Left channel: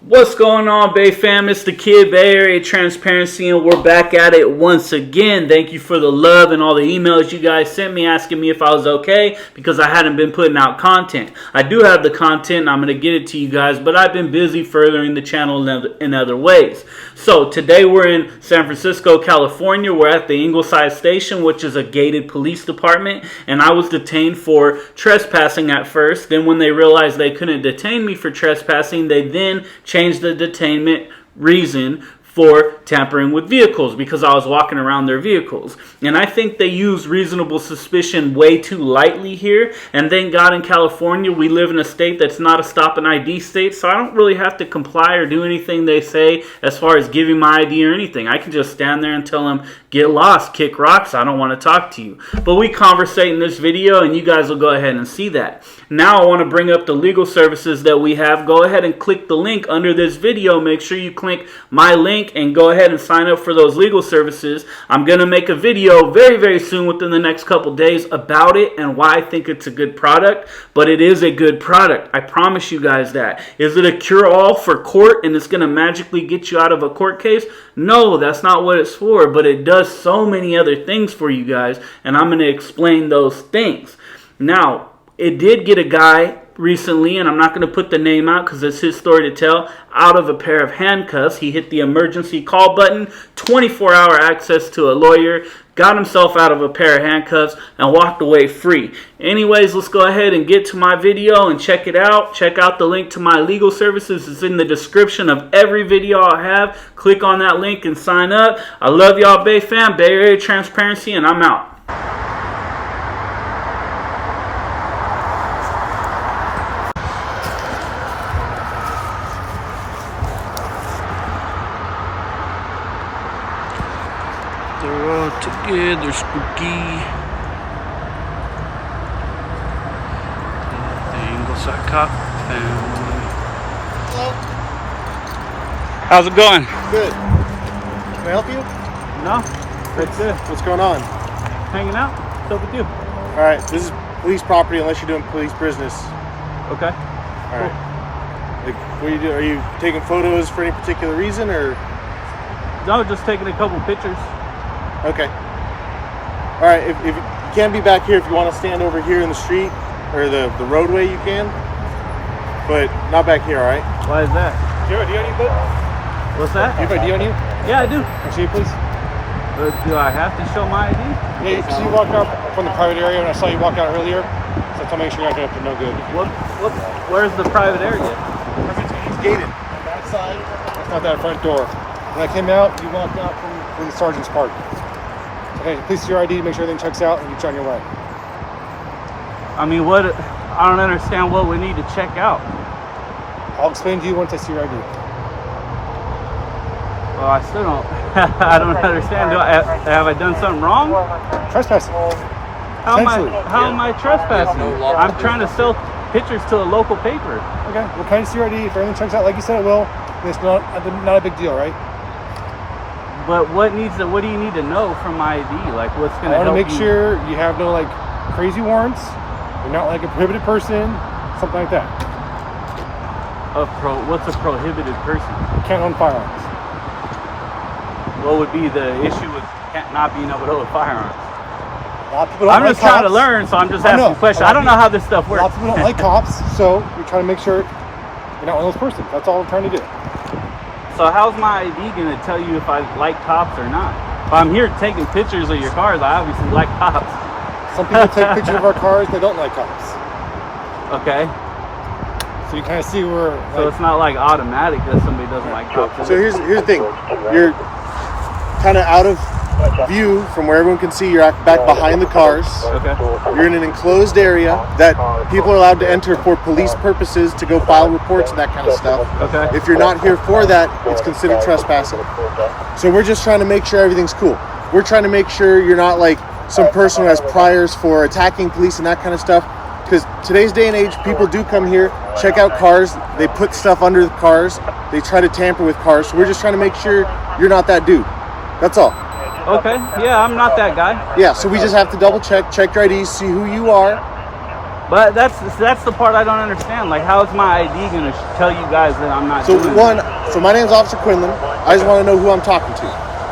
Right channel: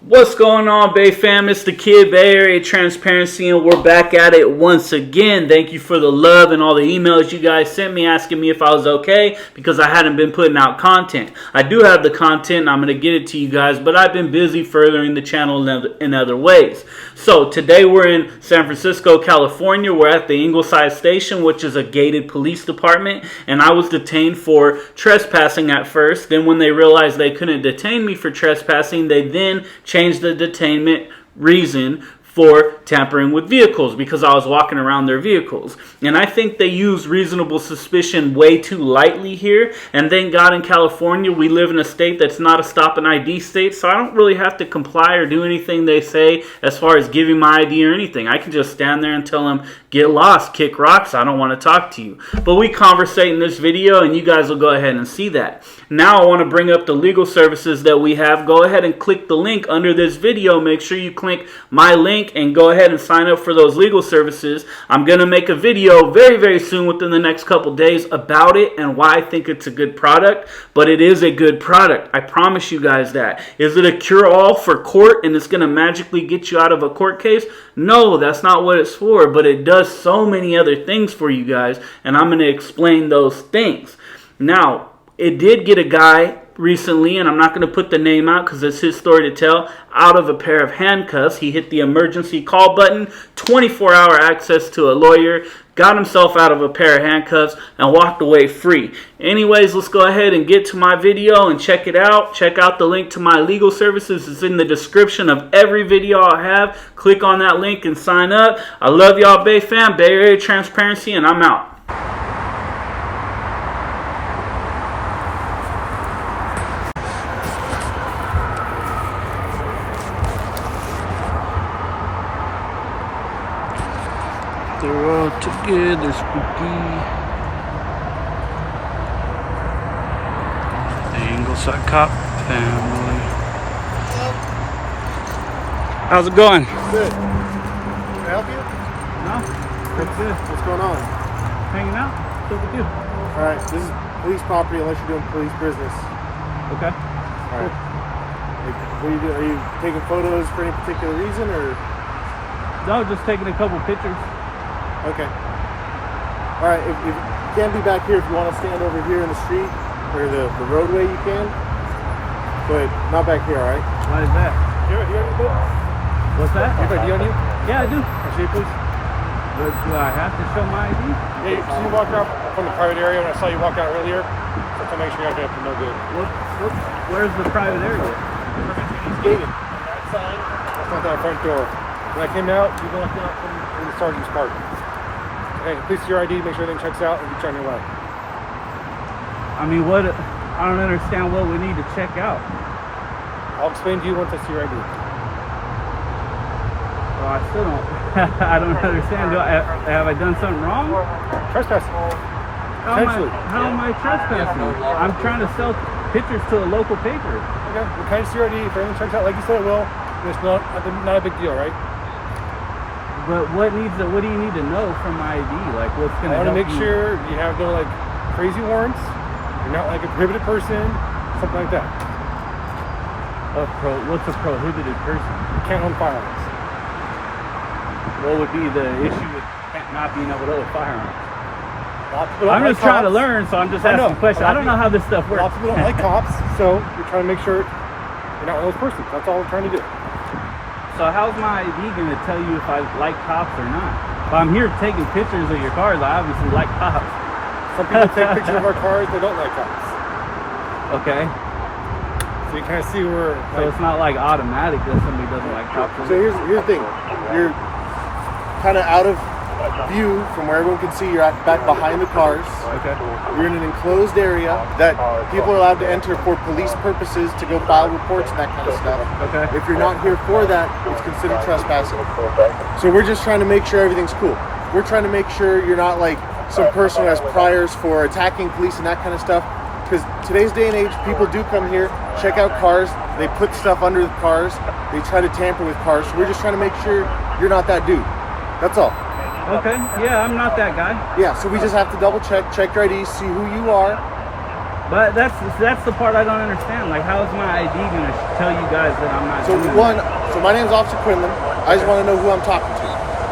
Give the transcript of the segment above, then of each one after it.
What's going on, Bay fam? It's the Kid, Bay Area Transparency, and we're back at it once again. Thank you for the love and all the emails you guys sent me asking me if I was okay because I hadn't been putting out content. I do have the content and I'm going to get it to you guys, but I've been busy furthering the channel in other ways. So today we're in San Francisco, California. We're at the Ingleside Station, which is a gated police department, and I was detained for trespassing at first. Then when they realized they couldn't detain me for trespassing, they then changed the detainment reason for tampering with vehicles because I was walking around their vehicles. And I think they use reasonable suspicion way too lightly here. And thank God in California we live in a state that's not a stop and ID state, so I don't really have to comply or do anything they say as far as giving my ID or anything. I can just stand there and tell them, get lost, kick rocks, I don't want to talk to you. But we conversate in this video and you guys will go ahead and see that. Now I want to bring up the legal services that we have. Go ahead and click the link under this video. Make sure you click my link and go ahead and sign up for those legal services. I'm going to make a video very soon within the next couple days about it and why I think it's a good product. But it is a good product. I promise you guys that. Is it a cure-all for court and it's going to magically get you out of a court case? No, that's not what it's for. But it does so many other things for you guys, and I'm going to explain those things. Now, it did get a guy recently, and I'm not going to put the name out because it's his story to tell, out of a pair of handcuffs. He hit the emergency call button, 24-hour access to a lawyer, got himself out of a pair of handcuffs, and walked away free. Anyways, let's go ahead and get to my video and check it out. Check out the link to my legal services. It's in the description of every video I have. Click on that link and sign up. I love y'all, Bay fam, Bay Area Transparency, and I'm out. They're all together, spooky. The Ingleside Cop family. How's it going? Good. Can I help you? No, that's good. What's going on? Hanging out. What's up with you? All right, this is police property unless you're doing police business. Okay. All Cool. right. Like, what are you doing? Are you taking photos for any particular reason, or? No, just taking a couple pictures. Okay. All right, if you can be back here, if you want to stand over here in the street or the roadway, you can, but not back here, all right? Why is that? Do you have a D on you, bud? What's that? Do you have a D on you? Yeah, I do. Can I see you, please? Do I have to show my ID? Yeah, so you walked out from the private area when I saw you walk out earlier, so tell me you're not going to no good. Where's the private area? It's gated. On that side, that's not that front door. When I came out, you walked out from the sergeant's park. Okay, please see your ID, make sure everything checks out, and you're on your way. I mean, what? I don't understand what we need to check out. I'll explain to you once I see your ID. Well, I still don't. I don't understand. Have I done something wrong? Trespassing. How am I trespassing? I'm trying to sell pictures to a local paper. Okay, well, can I see your ID? If everything checks out like you said it will, it's not a big deal, right? But what do you need to know from my ID? Like, what's going to help you? I want to make sure you have no, like, crazy warrants. You're not, like, a prohibited person, something like that. What's a prohibited person? You can't own firearms. What would be the issue with not being able to own firearms? I'm just trying to learn, so I'm just asking questions. I don't know how this stuff works. A lot of people don't like cops, so we're trying to make sure you're not one of those persons. That's all we're trying to do. So how's my ID going to tell you if I like cops or not? If I'm here taking pictures of your cars, I obviously like cops. Some people take pictures of our cars, they don't like cops. Okay. So you kind of see where... Like, so it's not like automatic that somebody doesn't like cops. So here's the thing. You're kind of out of view from where everyone can see. You're back behind the cars. Okay. You're in an enclosed area that people are allowed to enter for police purposes to go file reports and that kind of stuff. Okay. If you're not here for that, it's considered trespassing. So we're just trying to make sure everything's cool. We're trying to make sure you're not like some person who has priors for attacking police and that kind of stuff. Because today's day and age, people do come here, check out cars, they put stuff under the cars, they try to tamper with cars. So we're just trying to make sure you're not that dude. That's all. Okay, yeah, I'm not that guy. Yeah, so we just have to double check your ID, see who you are, But that's the part I don't understand. Like, how is my ID going to tell you guys that I'm not doing it? So my name is Officer Quinlan. I just want to know who I'm talking to.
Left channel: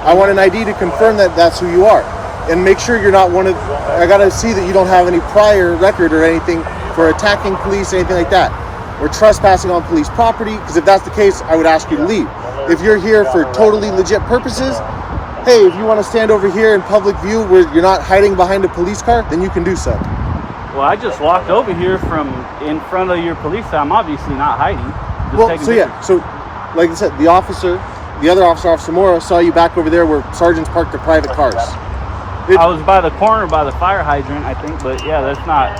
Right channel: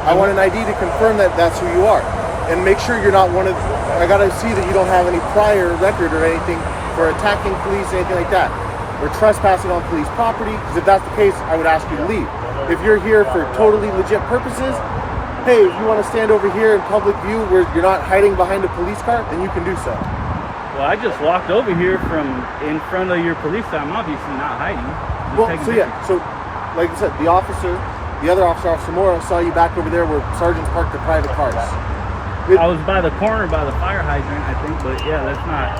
I want an ID to confirm that that's who you are. And make sure you're not one of... I got to see that you don't have any prior record or anything for attacking police, anything like that. We're trespassing on police property, because if that's the case, I would ask you to leave. If you're here for totally legit purposes, hey, if you want to stand over here in public view where you're not hiding behind a police car, then you can do so. Well, I just walked over here from in front of your police. I'm obviously not hiding. Just taking pictures. So like I said, the other officer, Officer Mora, saw you back over there where sergeants parked their private cars. I was by the corner by the fire hydrant, I think, but yeah, that's not.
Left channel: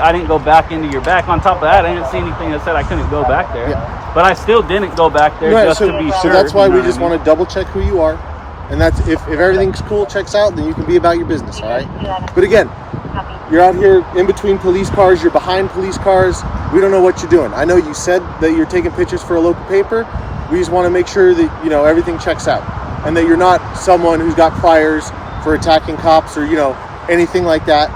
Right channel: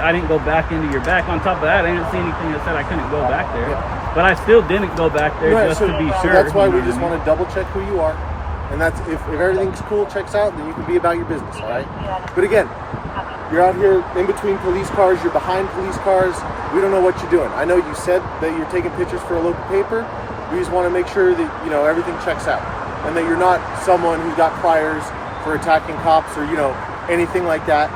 I didn't go back into your back. On top of that, I didn't see anything that said I couldn't go back there. Yeah. But I still didn't go back there just to be sure. So that's why we just want to double check who you are, and that's if everything's cool, checks out, then you can be about your business, all right? But again, you're out here in between police cars, you're behind police cars. We don't know what you're doing. I know you said that you're taking pictures for a local paper. We just want to make sure that, you know, everything checks out and that you're not someone who's got priors for attacking cops or, you know, anything like that.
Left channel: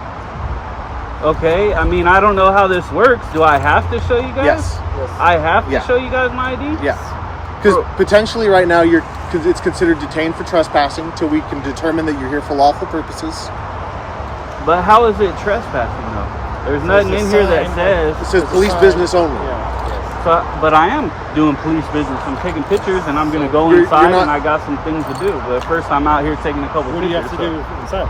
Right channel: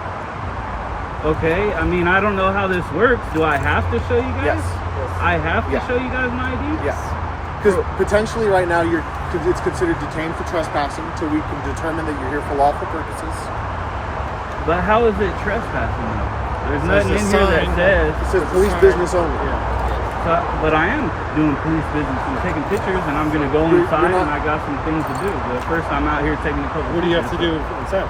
Okay, I mean, I don't know how this works. Do I have to show you guys? Yes. I have to show you guys my ID? Yes. Because potentially right now it's considered detained for trespassing until we can determine that you're here for lawful purposes. But how is it trespassing though? There's nothing in here that says... It says police business only. Yeah. So, but I am doing police business. I'm taking pictures and I'm going to go inside and I got some things to do. But first I'm out here taking a couple What do you have to do inside?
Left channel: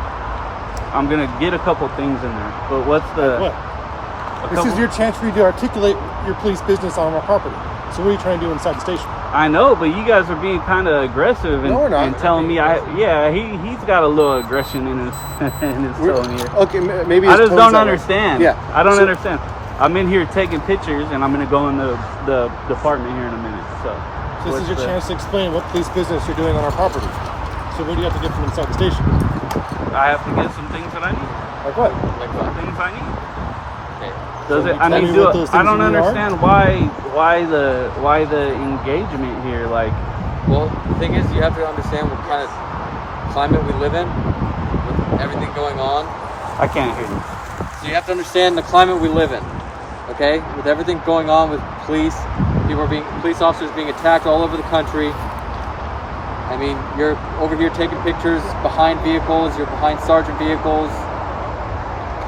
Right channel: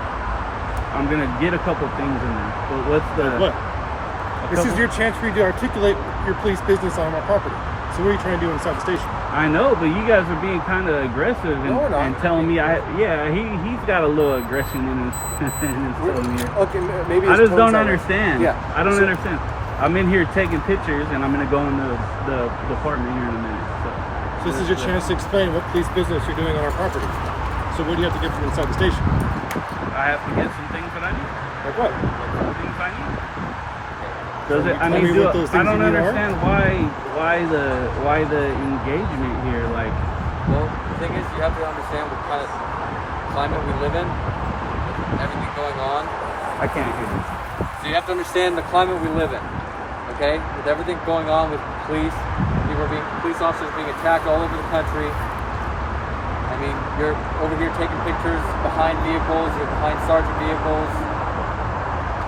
I'm going to get a couple things in there. But what's the... Like what? This is your chance for you to articulate your police business on our property. So what are you trying to do inside the station? I know, but you guys are being kind of aggressive and telling me he's got a little aggression in his tone here. Okay, maybe I just don't understand. Yeah, I don't understand. I'm in here taking pictures, and I'm going to go in the department here in a minute. So this is your chance to explain what police business you're doing on our property. So what do you have to get from inside the station? I have to get some things that I need. Like what? Like some things I need. Does it? I mean, I don't understand why the engagement here. Like, well, the thing is, you have to understand what kind of climate we live in, with everything going on. I can't hear you. So you have to understand the climate we live in, okay? With everything going on with police police officers being attacked all over the country. I mean, you're over here taking pictures behind vehicles. You're behind sergeant vehicles.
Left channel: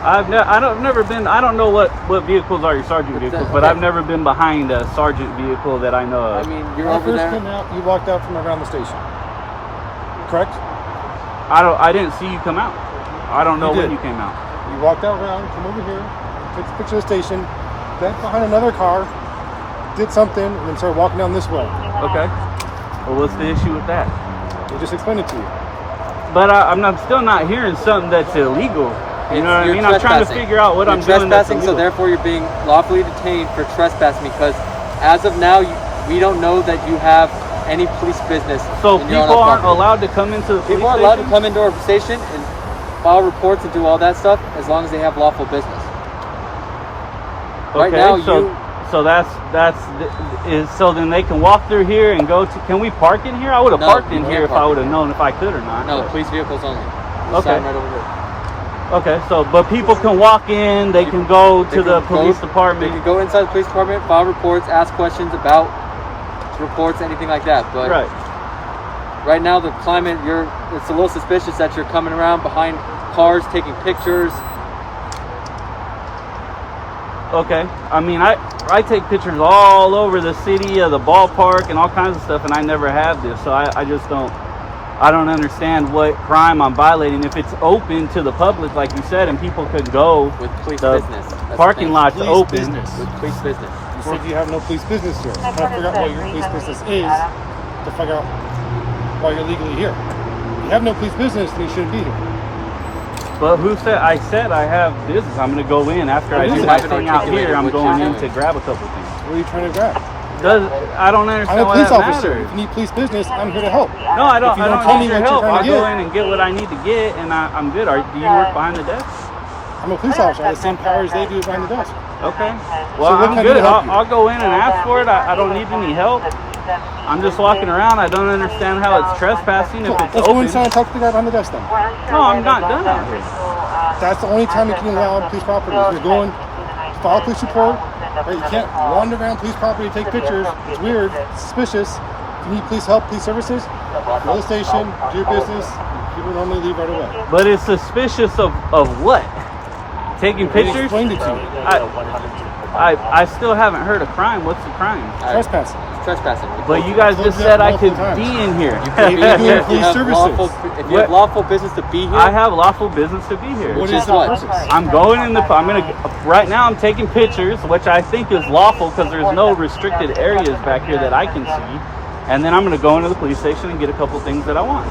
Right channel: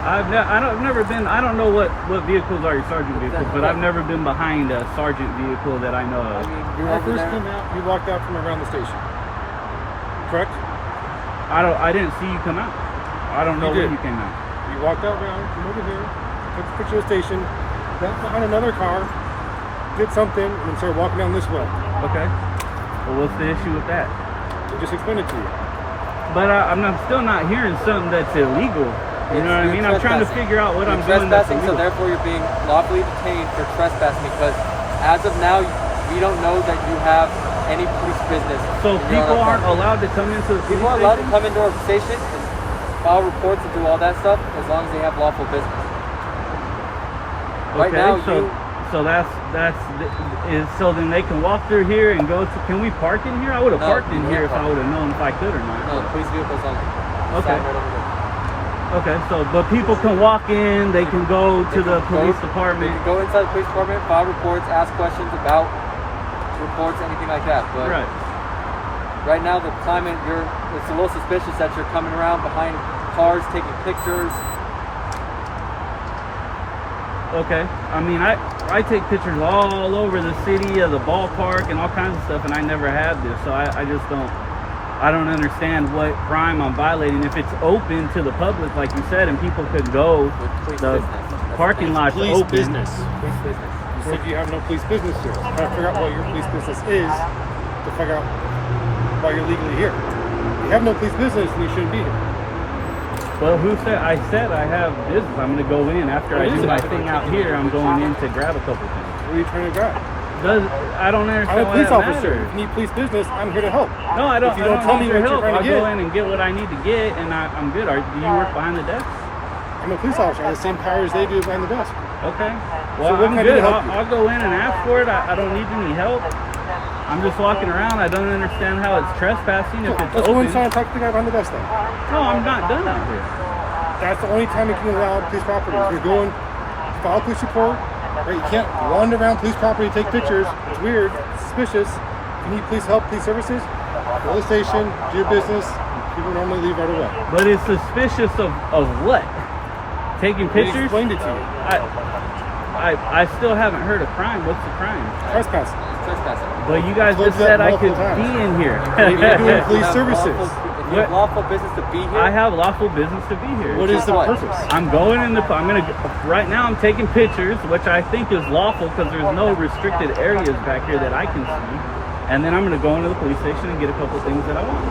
I don't know what vehicles are your sergeant vehicles, but I've never been behind a sergeant vehicle that I know of. I mean, when I first came out, you walked out from around the station, correct? I didn't see you come out. I don't know when you came out. You walked out around, come over here, took a picture of the station, got behind another car, did something, and then started walking down this way. Okay. Well, what's the issue with that? They just explained it to you. But I'm still not hearing something that's illegal. You know what I mean? I'm trying to figure out what I'm doing that's illegal. So therefore you're being lawfully detained for trespassing because as of now, we don't know that you have any police business. So people aren't allowed to come into the police station? People are allowed to come into our station and file reports and do all that stuff as long as they have lawful business. Okay, right now, so then they can walk through here and go to. Can we park in here? I would have parked in here if I would have known if I could or not. No, police vehicles only. Okay. Okay, so but people can walk in. They can go to the police department. They can go inside the police department, file reports, ask questions about reports, anything like that. But right now, the climate, it's a little suspicious that you're coming around behind cars, taking pictures. Okay, I mean, I take pictures all over the city, of the ballpark, and all kinds of stuff, and I never have this, so I just don't understand what crime I'm violating. If it's open to the public, like you said, and people could go, the parking lot's open. Business. Police business. You said you have no police business here. Try to figure out what your police business is to figure out why you're legally here. If you have no police business, then you shouldn't be here. Well, who said? I said I have business. I'm going to go in after I do my thing out here. I'm going in to grab a couple things. What are you trying to grab? I don't understand why that matters. If you need police business, I'm here to help. No, I don't need your help. I'll go in and get what I need to get, and I'm good. Do you work behind the desk? I'm a police officer. I have the same powers they do behind the desk. Okay. Well, I'm good. I'll go in and ask for it. I don't need any help. I'm just walking around. I don't understand how it's trespassing if it's Let's open. go inside and talk to the guy behind the desk then. No, I'm not done out here. That's the only time you can allow police properties. You're going file a police report, right? You can't wander around police property, take pictures. It's weird, it's suspicious. If you need police help, police services, go to the station, do your business. And people normally leave right away. But it's suspicious of what? Taking They pictures? explained it to you. I still haven't heard a crime. What's the crime? Trespassing. Trespassing. But you guys just said I could be in here. You're doing police Have services. if you have lawful business to be here, I have lawful business to be here. What is the What? purpose? I'm going in the. I'm gonna. Right now, I'm taking pictures, which I think is lawful because there's no restricted areas back here that I can see. And then I'm gonna go into the police station and get a couple things that I want.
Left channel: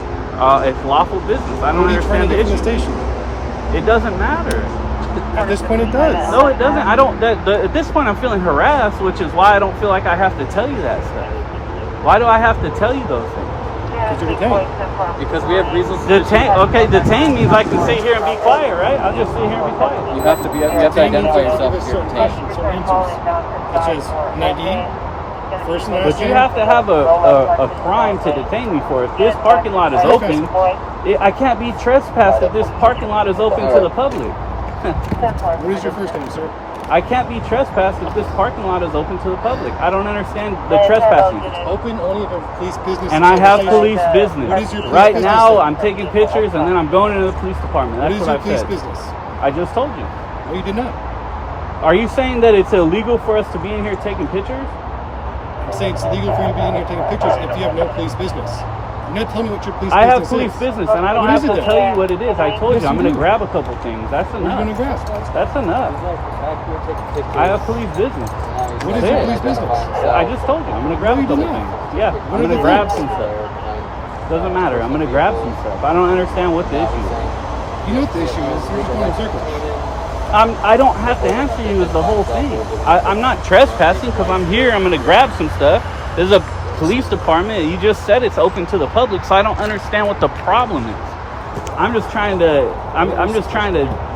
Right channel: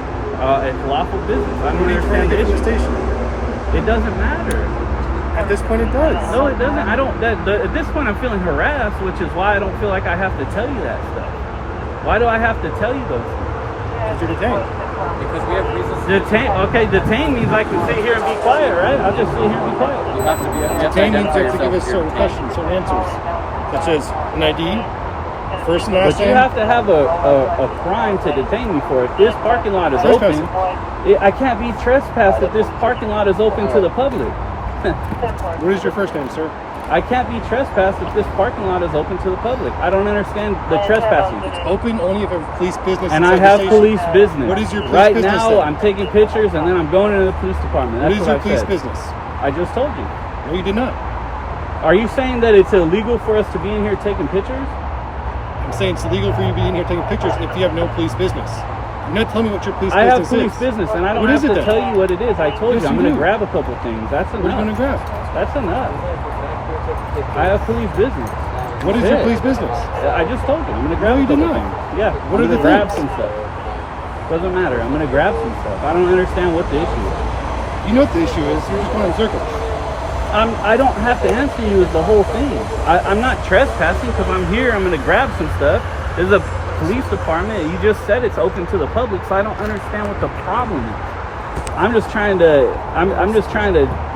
It's lawful business. I don't What are you trying understand to the get from the issue. station? It doesn't matter. At this point, it does. No, it doesn't. I don't. At this point, I'm feeling harassed, which is why I don't feel like I have to tell you that stuff. Why do I have to tell you those things? Because you're detained. because we have reasons to Detain. Okay, detain means I can sit here and be quiet, right? I'll just sit here and be quiet. You have to be. You have to Detained means identify you have to yourself give us if you're certain detained. questions, certain answers. Such as an ID, first and last But you name. have to have a crime to detain me for. If this parking lot is open, I can't be trespassed if this parking lot is open to the public. What is your first name, sir? I can't be trespassed if this parking lot is open to the public. I don't understand the trespassing. Open only if a police business. And is I on the have station. police business. What is your police right business now, then? I'm taking pictures and then I'm going into the police department. What That's is what your I police said. business? I just told you. No, you did not. Are you saying that it's illegal for us to be in here taking pictures? I'm saying it's illegal for you to be in here taking pictures if you have no police business. You're not telling me what your police I have business police is. business and I don't What have is to it then? tell you what it is. I told Yes, you I'm you going to do. grab a couple things. That's enough. What are you going to grab? That's enough. I have police business. What is That's your it. police business? I just told you I'm going to grab No, a you did couple not. things. Yeah, What I'm are going the to grab things? some stuff. Doesn't matter. I'm going to grab some stuff. I don't understand what the issue is. You know what the issue is. You're just going in circles. I don't have to answer you as the whole thing. I'm not trespassing because I'm here. I'm going to grab some stuff. There's a police department. You just said it's open to the public, so I don't understand what the problem is. I'm just trying to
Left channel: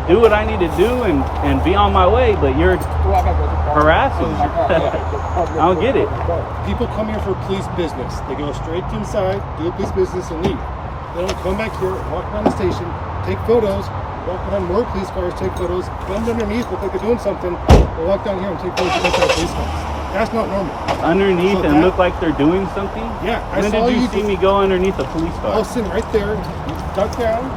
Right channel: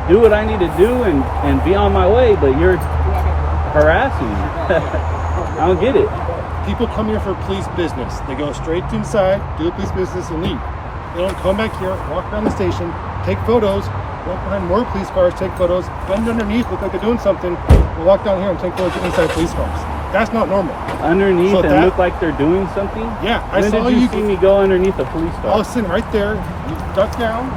do what I need to do and be on my way, but you're harassing me. I don't get it. People come here for police business. They go straight inside, do a police business, and leave. They don't come back here, walk around the station, take photos, walk behind more police cars, take photos, bend underneath, look like they're doing something, or walk down here and take photos inside police cars. That's not normal. Underneath So and that- look like they're doing something? Yeah, I When saw did you you see me go underneath a police I car? was sitting right there. You ducked down,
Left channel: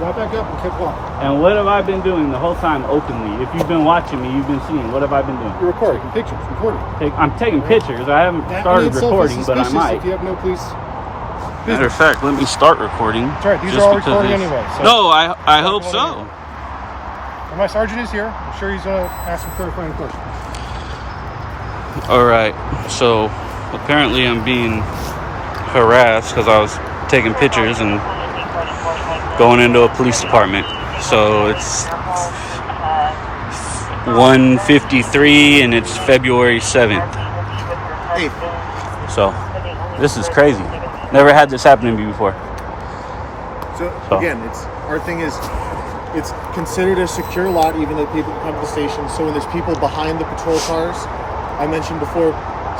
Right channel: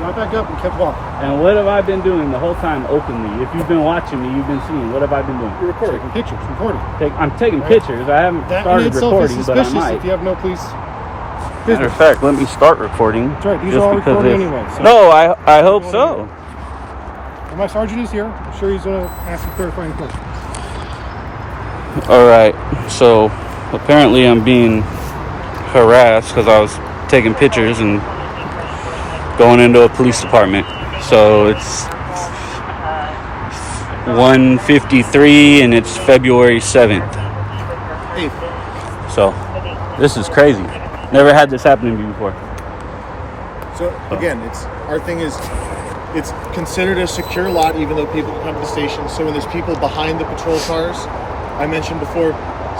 got back up, and kept walking. And what have I been doing the whole time openly? If you've been watching me, you've been seeing. What have I been doing? You're recording, taking pictures, recording. I'm taking Right. pictures. I haven't That in started itself recording, is but I suspicious might. if you have no police Matter of fact, let me start recording. Sure, these just are all because recorded it's... anyway, so- No, I hope so. My sergeant is here. I'm sure he's going to ask some clarifying questions. All right, so apparently I'm being harassed because I was taking pictures and going into a police department. So it's 1:53 and it's February 7th. Hey, So this is crazy. Never had this happen to me before. so again, our thing is, it's considered a secure lot, even though people come to the station. So when there's people behind the patrol cars, I mentioned before,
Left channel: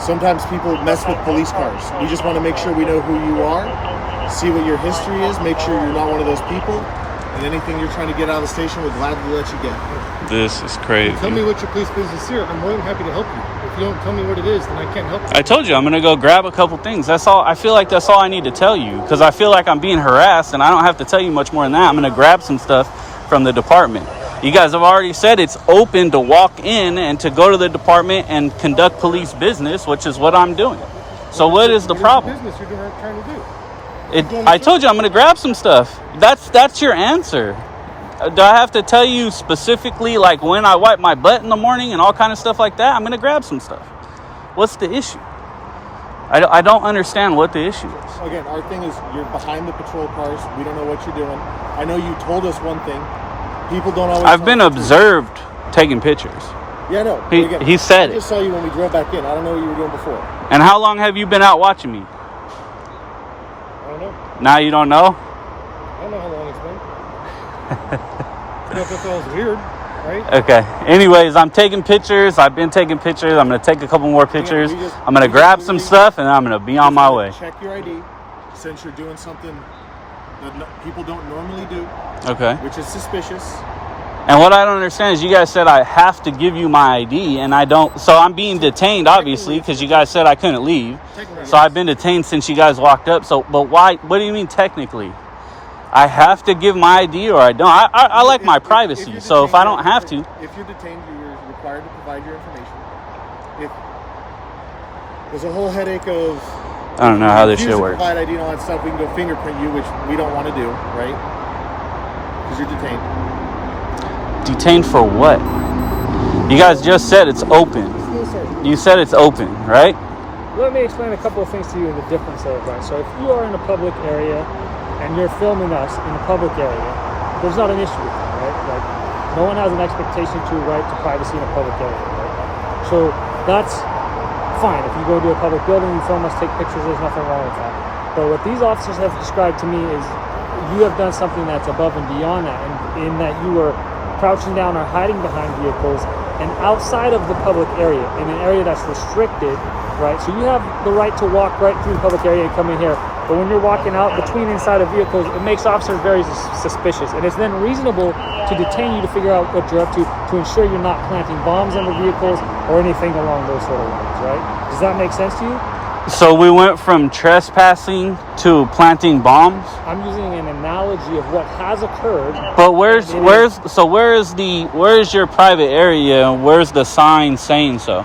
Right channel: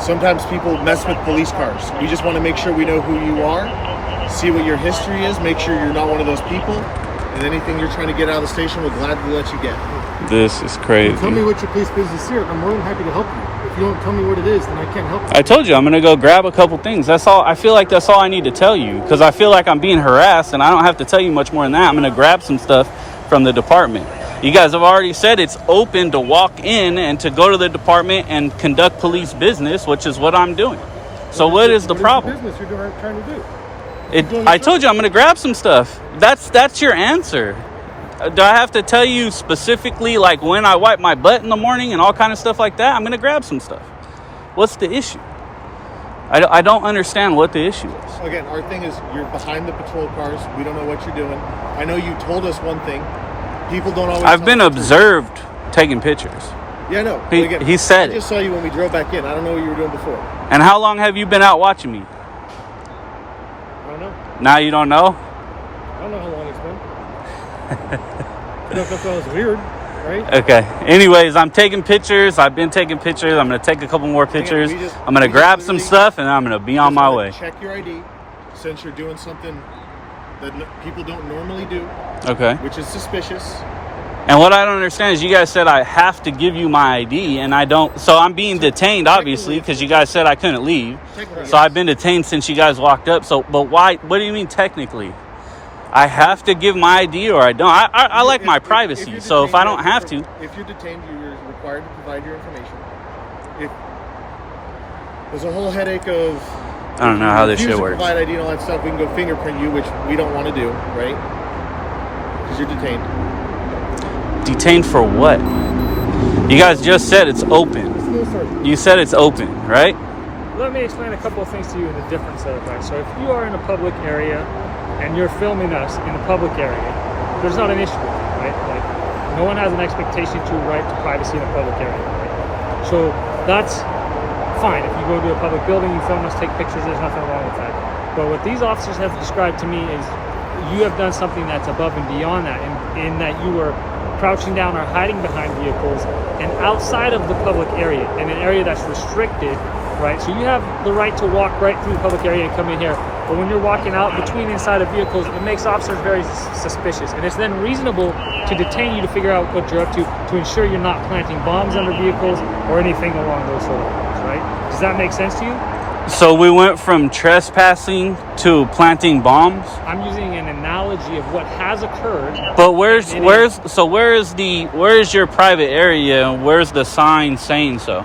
sometimes people mess with police cars. We just want to make sure we know who you are, see what your history is, make sure you're not one of those people, and anything you're trying to get out of the station, we'll gladly let you get. This is crazy. Tell me what your police business is here. I'm more than happy to help you. If you don't tell me what it is, then I can't help you. I told you I'm gonna go grab a couple things. That's all. I feel like that's all I need to tell you because I feel like I'm being harassed and I don't have to tell you much more than that. I'm gonna grab some stuff from the department. You guys have already said it's open to walk in and to go to the department and conduct police business, which is what I'm doing. So what is the problem? What is the business you're trying to do? I told you I'm gonna grab some stuff. That's your answer. Do I have to tell you specifically like when I wipe my butt in the morning and all kind of stuff like that? I'm gonna grab some stuff. What's the issue? I don't understand what the issue is. Again, our thing is you're behind the patrol cars. We don't know what you're doing. I know you told us one thing. People don't always. I've tell been us the truth. observed taking pictures. Yeah, no. He- Again, he said I just saw you when we drove back in. I don't know what you were doing before. And how long have you been out watching me? I don't know. Now you don't know? I don't know how long it's been. I thought that was weird, right? Okay. Anyways, I'm taking pictures. I've been taking pictures. I'm going to take a couple more pictures. I'm going to grab some stuff and I'm going to be on my way. Check your ID since you're doing something that people don't normally do, Okay. which is suspicious. And what I don't understand is you guys said I have to give you my ID, and I don't. So I'm being detained, obviously, because you guys said I couldn't leave. So I've been detained since you guys walked up. So, but why? What do you mean technically? I have to give my ID, or I don't. I like my privacy. So if I don't have to, if you're detained, you're required to provide your information. If there's a whole headache of, I don't know how this shit works. Provide ID and all that stuff. We can go fingerprint you, which we don't want to do, right? Because you're detained. Detained for what? You guys just said it's open. You said it's open, right? Let me explain a couple of things to you in the difference of it, right? So if you are in a public area and you're filming us in a public area, there's not an issue with it, right? Like, no one has an expectation to right to privacy in a public area, right? So that's fine. If you go to a public building, you film us, take pictures, there's nothing wrong with that. But what these officers have described to me is you have done something that's above and beyond that, in that you were crouching down or hiding behind vehicles and outside of the public area, in an area that's restricted, right? So you have the right to walk right through the public area and come in here. But when you're walking out between inside of vehicles, it makes officers very suspicious. And it's then reasonable to detain you to figure out what you're up to ensure you're not planting bombs under vehicles or anything along those sort of lines, right? Does that make sense to you? So we went from trespassing to planting bombs. I'm using an analogy of what has occurred. But where's your private area and where's the sign saying so?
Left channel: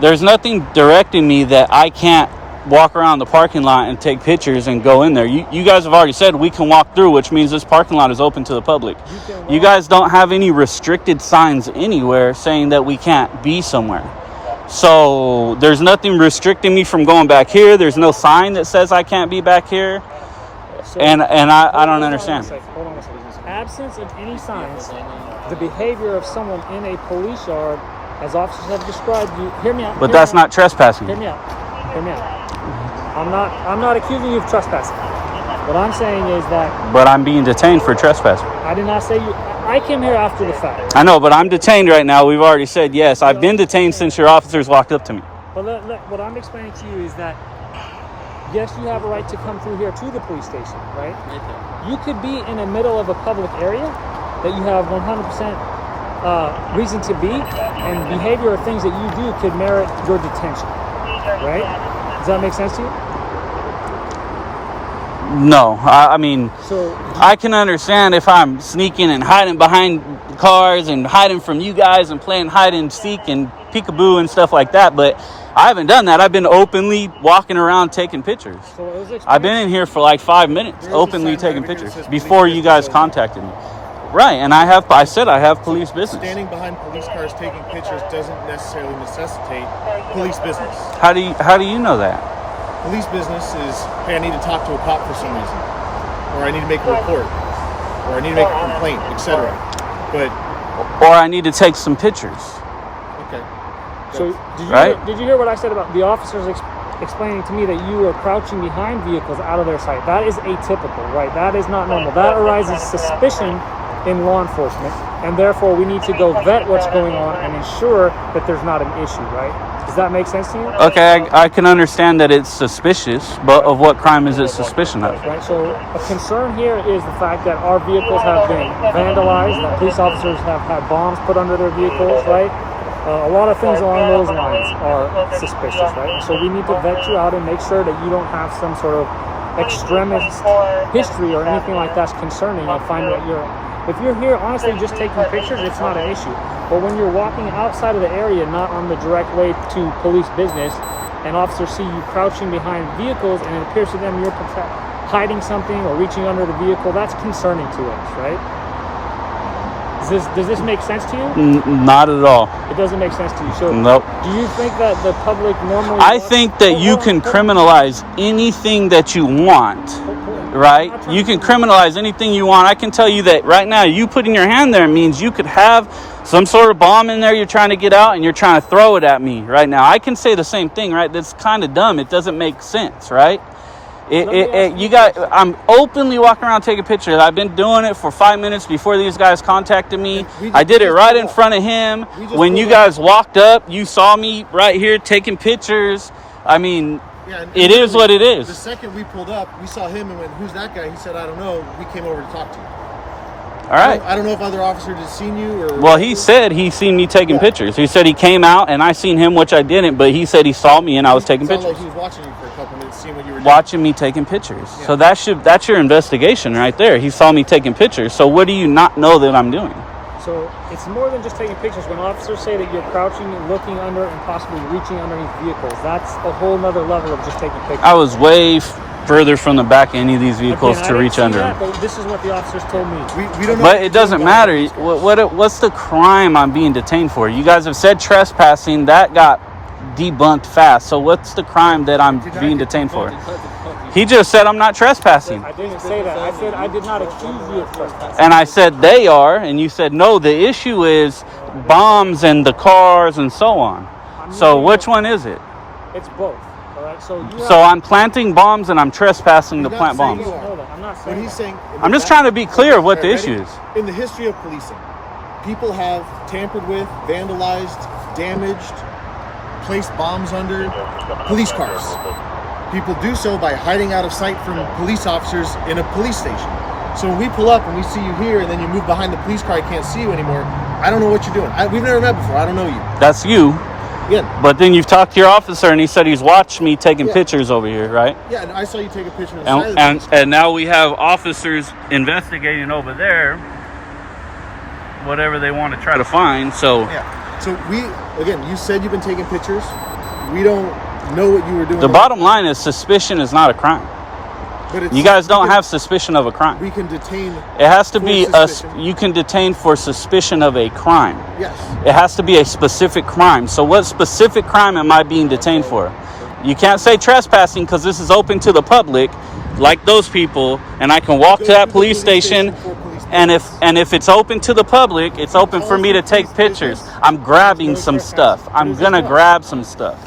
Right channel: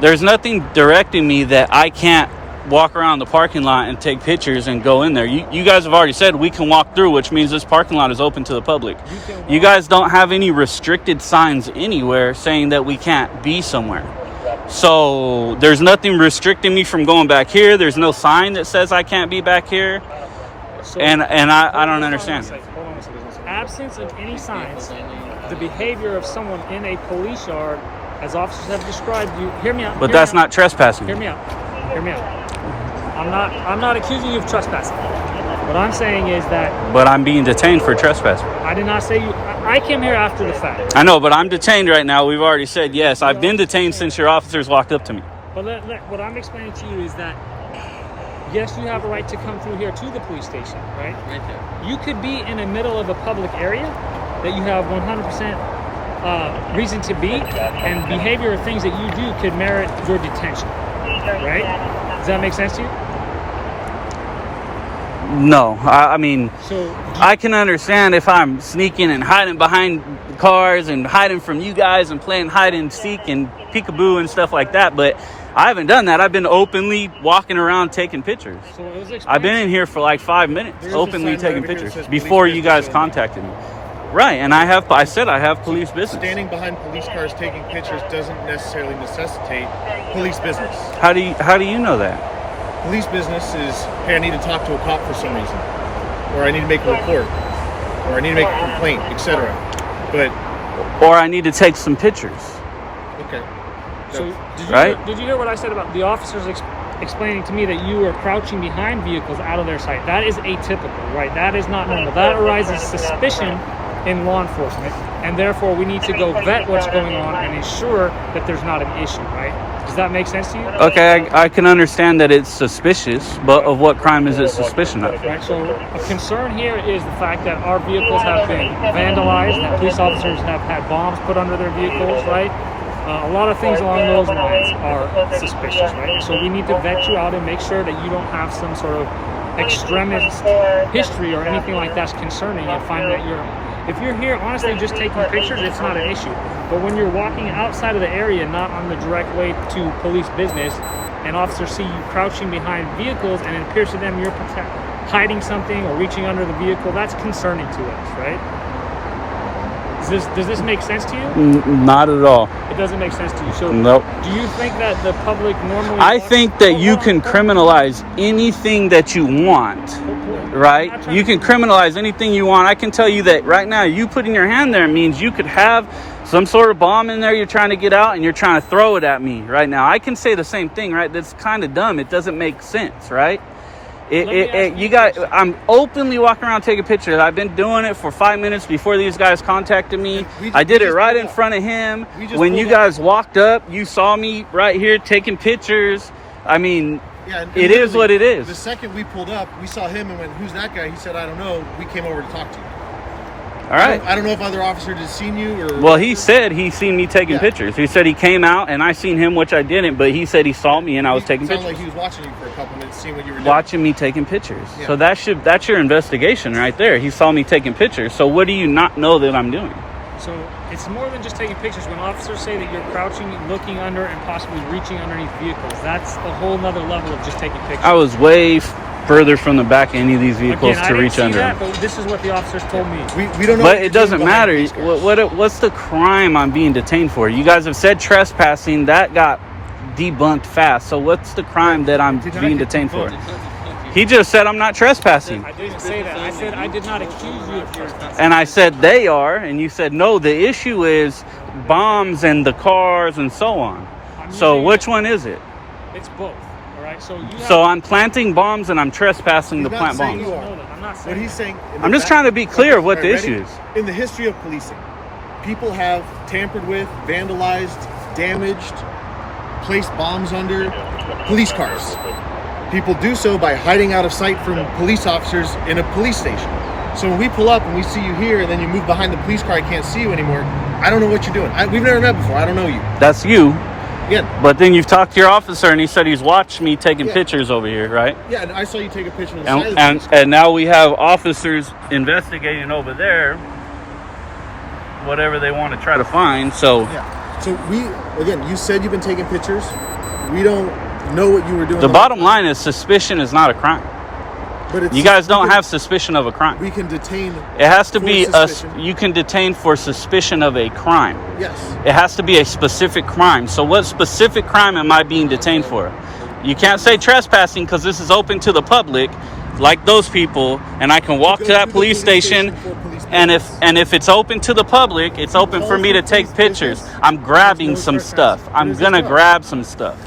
There's nothing directing me that I can't walk around the parking lot and take pictures and go in there. You guys have already said we can walk through, which means this parking lot is open to the public. You guys don't have any restricted signs anywhere saying that we can't be somewhere. So there's nothing restricting me from going back here. There's no sign that says I can't be back here. And I don't understand. Hold on a second. Absence of any signs, the behavior of someone in a police yard, as officers have described you, hear me out. But that's not trespassing. Hear me out. I'm not accusing you of trespassing. What I'm saying is that... But I'm being detained for trespassing. I did not say you... I came here after the fact. I know, but I'm detained right now. We've already said yes. I've been detained since your officers walked up to me. But what I'm explaining to you is that, yes, you have a right to come through here to the police station, right? Okay. You could be in the middle of a public area that you have 100% reason to be, and behavior or things that you do could merit your detention, right? Does that make sense to you? No, I mean, I can understand if I'm sneaking and hiding behind cars and hiding from you guys and playing hide and seek and peekaboo and stuff like that, but I haven't done that. I've been openly walking around taking pictures. I've been in here for like 5 minutes, openly taking pictures before you guys contacted me. Right, and I said I have police business. Standing behind police cars taking pictures doesn't necessarily necessitate police business. How do you know that? Police business is, hey, I need to talk to a cop for some reason, or I need to make a report, or I need to make a complaint, etc. Or I need to take some pictures. Okay. So did you hear what I said about the officers explaining to me that you were crouching behind vehicles out of their sight? That is atypical, right? That is not normal. That arises suspicion in law enforcement, and therefore we need to go vet what's going on and ensure that there's not an issue, right? Does that make sense to you? Okay, I can understand that it's suspicious, but of what crime is it suspicion of? Right, so a concern here is the fact that our vehicles have been vandalized, that police officers have had bombs put under their vehicles, right? A lot of things along those lines are suspicious, right? So we need to vet you out and make sure that you don't have some sort of extremist history or anything like that's concerning, and find that if you're here honestly just taking pictures, it's not an issue. But when you're walking outside of the area, not on the direct way to police business, and officers see you crouching behind vehicles and it appears to them you're hiding something or reaching under the vehicle, that's concerning to us, right? Does this make sense to you? Not at all. It doesn't make sense to you. So nope. Do you think that the public normally... I think that you can criminalize anything that you want, right? You can criminalize anything you want. I can tell you that right now, you putting your hand there means you could have some sort of bomb in there you're trying to get out and you're trying to throw it at me right now. I can say the same thing, right? That's kind of dumb. It doesn't make sense, right? I'm openly walking around taking pictures. I've been doing it for 5 minutes before these guys contacted me. I did it right in front of him. When you guys walked up, you saw me right here taking pictures. I mean, it is what it is. The second we pulled up, we saw him and went, "Who's that guy?" He said, "I don't know." We came over to talk to you. All right. I don't know if other officers have seen you or. Well, he said he seen me taking pictures. He said he came out and I seen him, which I didn't, but he said he saw me and I was taking pictures. Like he was watching you for a couple minutes, seeing what you were doing. Watching me taking pictures. Yeah. So that's your investigation right there. He saw me taking pictures. So what do you not know that I'm doing? So it's more than just taking pictures. When officers say that you're crouching and looking under and possibly reaching underneath vehicles, that's a whole nother level of just taking pictures. I was way further from the back of any of these vehicles to reach under them. But this is what the officers told me. We don't know. But it doesn't matter. What's the crime I'm being detained for? You guys have said trespassing. That got debunked fast. So what's the crime that I'm being detained for? He just said I'm not trespassing. I didn't say that. I said I did not accuse you of trespassing. And I said they are, and you said no, the issue is bombs and the cars and so on. So which one is it? It's both. All right. So I'm planting bombs and I'm trespassing to plant bombs. I'm not saying what he's saying. I'm just trying to be clear of what the issue is. In the history of policing, people have tampered with, vandalized, damaged, placed bombs under police cars. People do so by hiding out of sight from police officers in a police station. So when we pull up and we see you here and then you move behind the police car, I can't see you anymore. I don't know what you're doing. We've never met before. I don't know you. That's you. Yeah. But then you've talked to your officer and he said he's watched me taking pictures over here, right? Yeah, and I saw you take a picture of the And, side of the and now we have officers investigating over there whatever they want to try to find. So yeah. So you said you've been taking pictures. We don't know what you were doing. The bottom line is suspicion is not a crime. But you guys don't have suspicion of a crime. We can detain. It has to be you can detain for suspicion of a crime. Yes. It has to be a specific crime. So what specific crime am I being detained for? You can't say trespassing because this is open to the public, like those people, and I can walk to that police station. And if it's open to the public, it's open for me to take pictures. I'm grabbing some stuff. I'm gonna grab some stuff.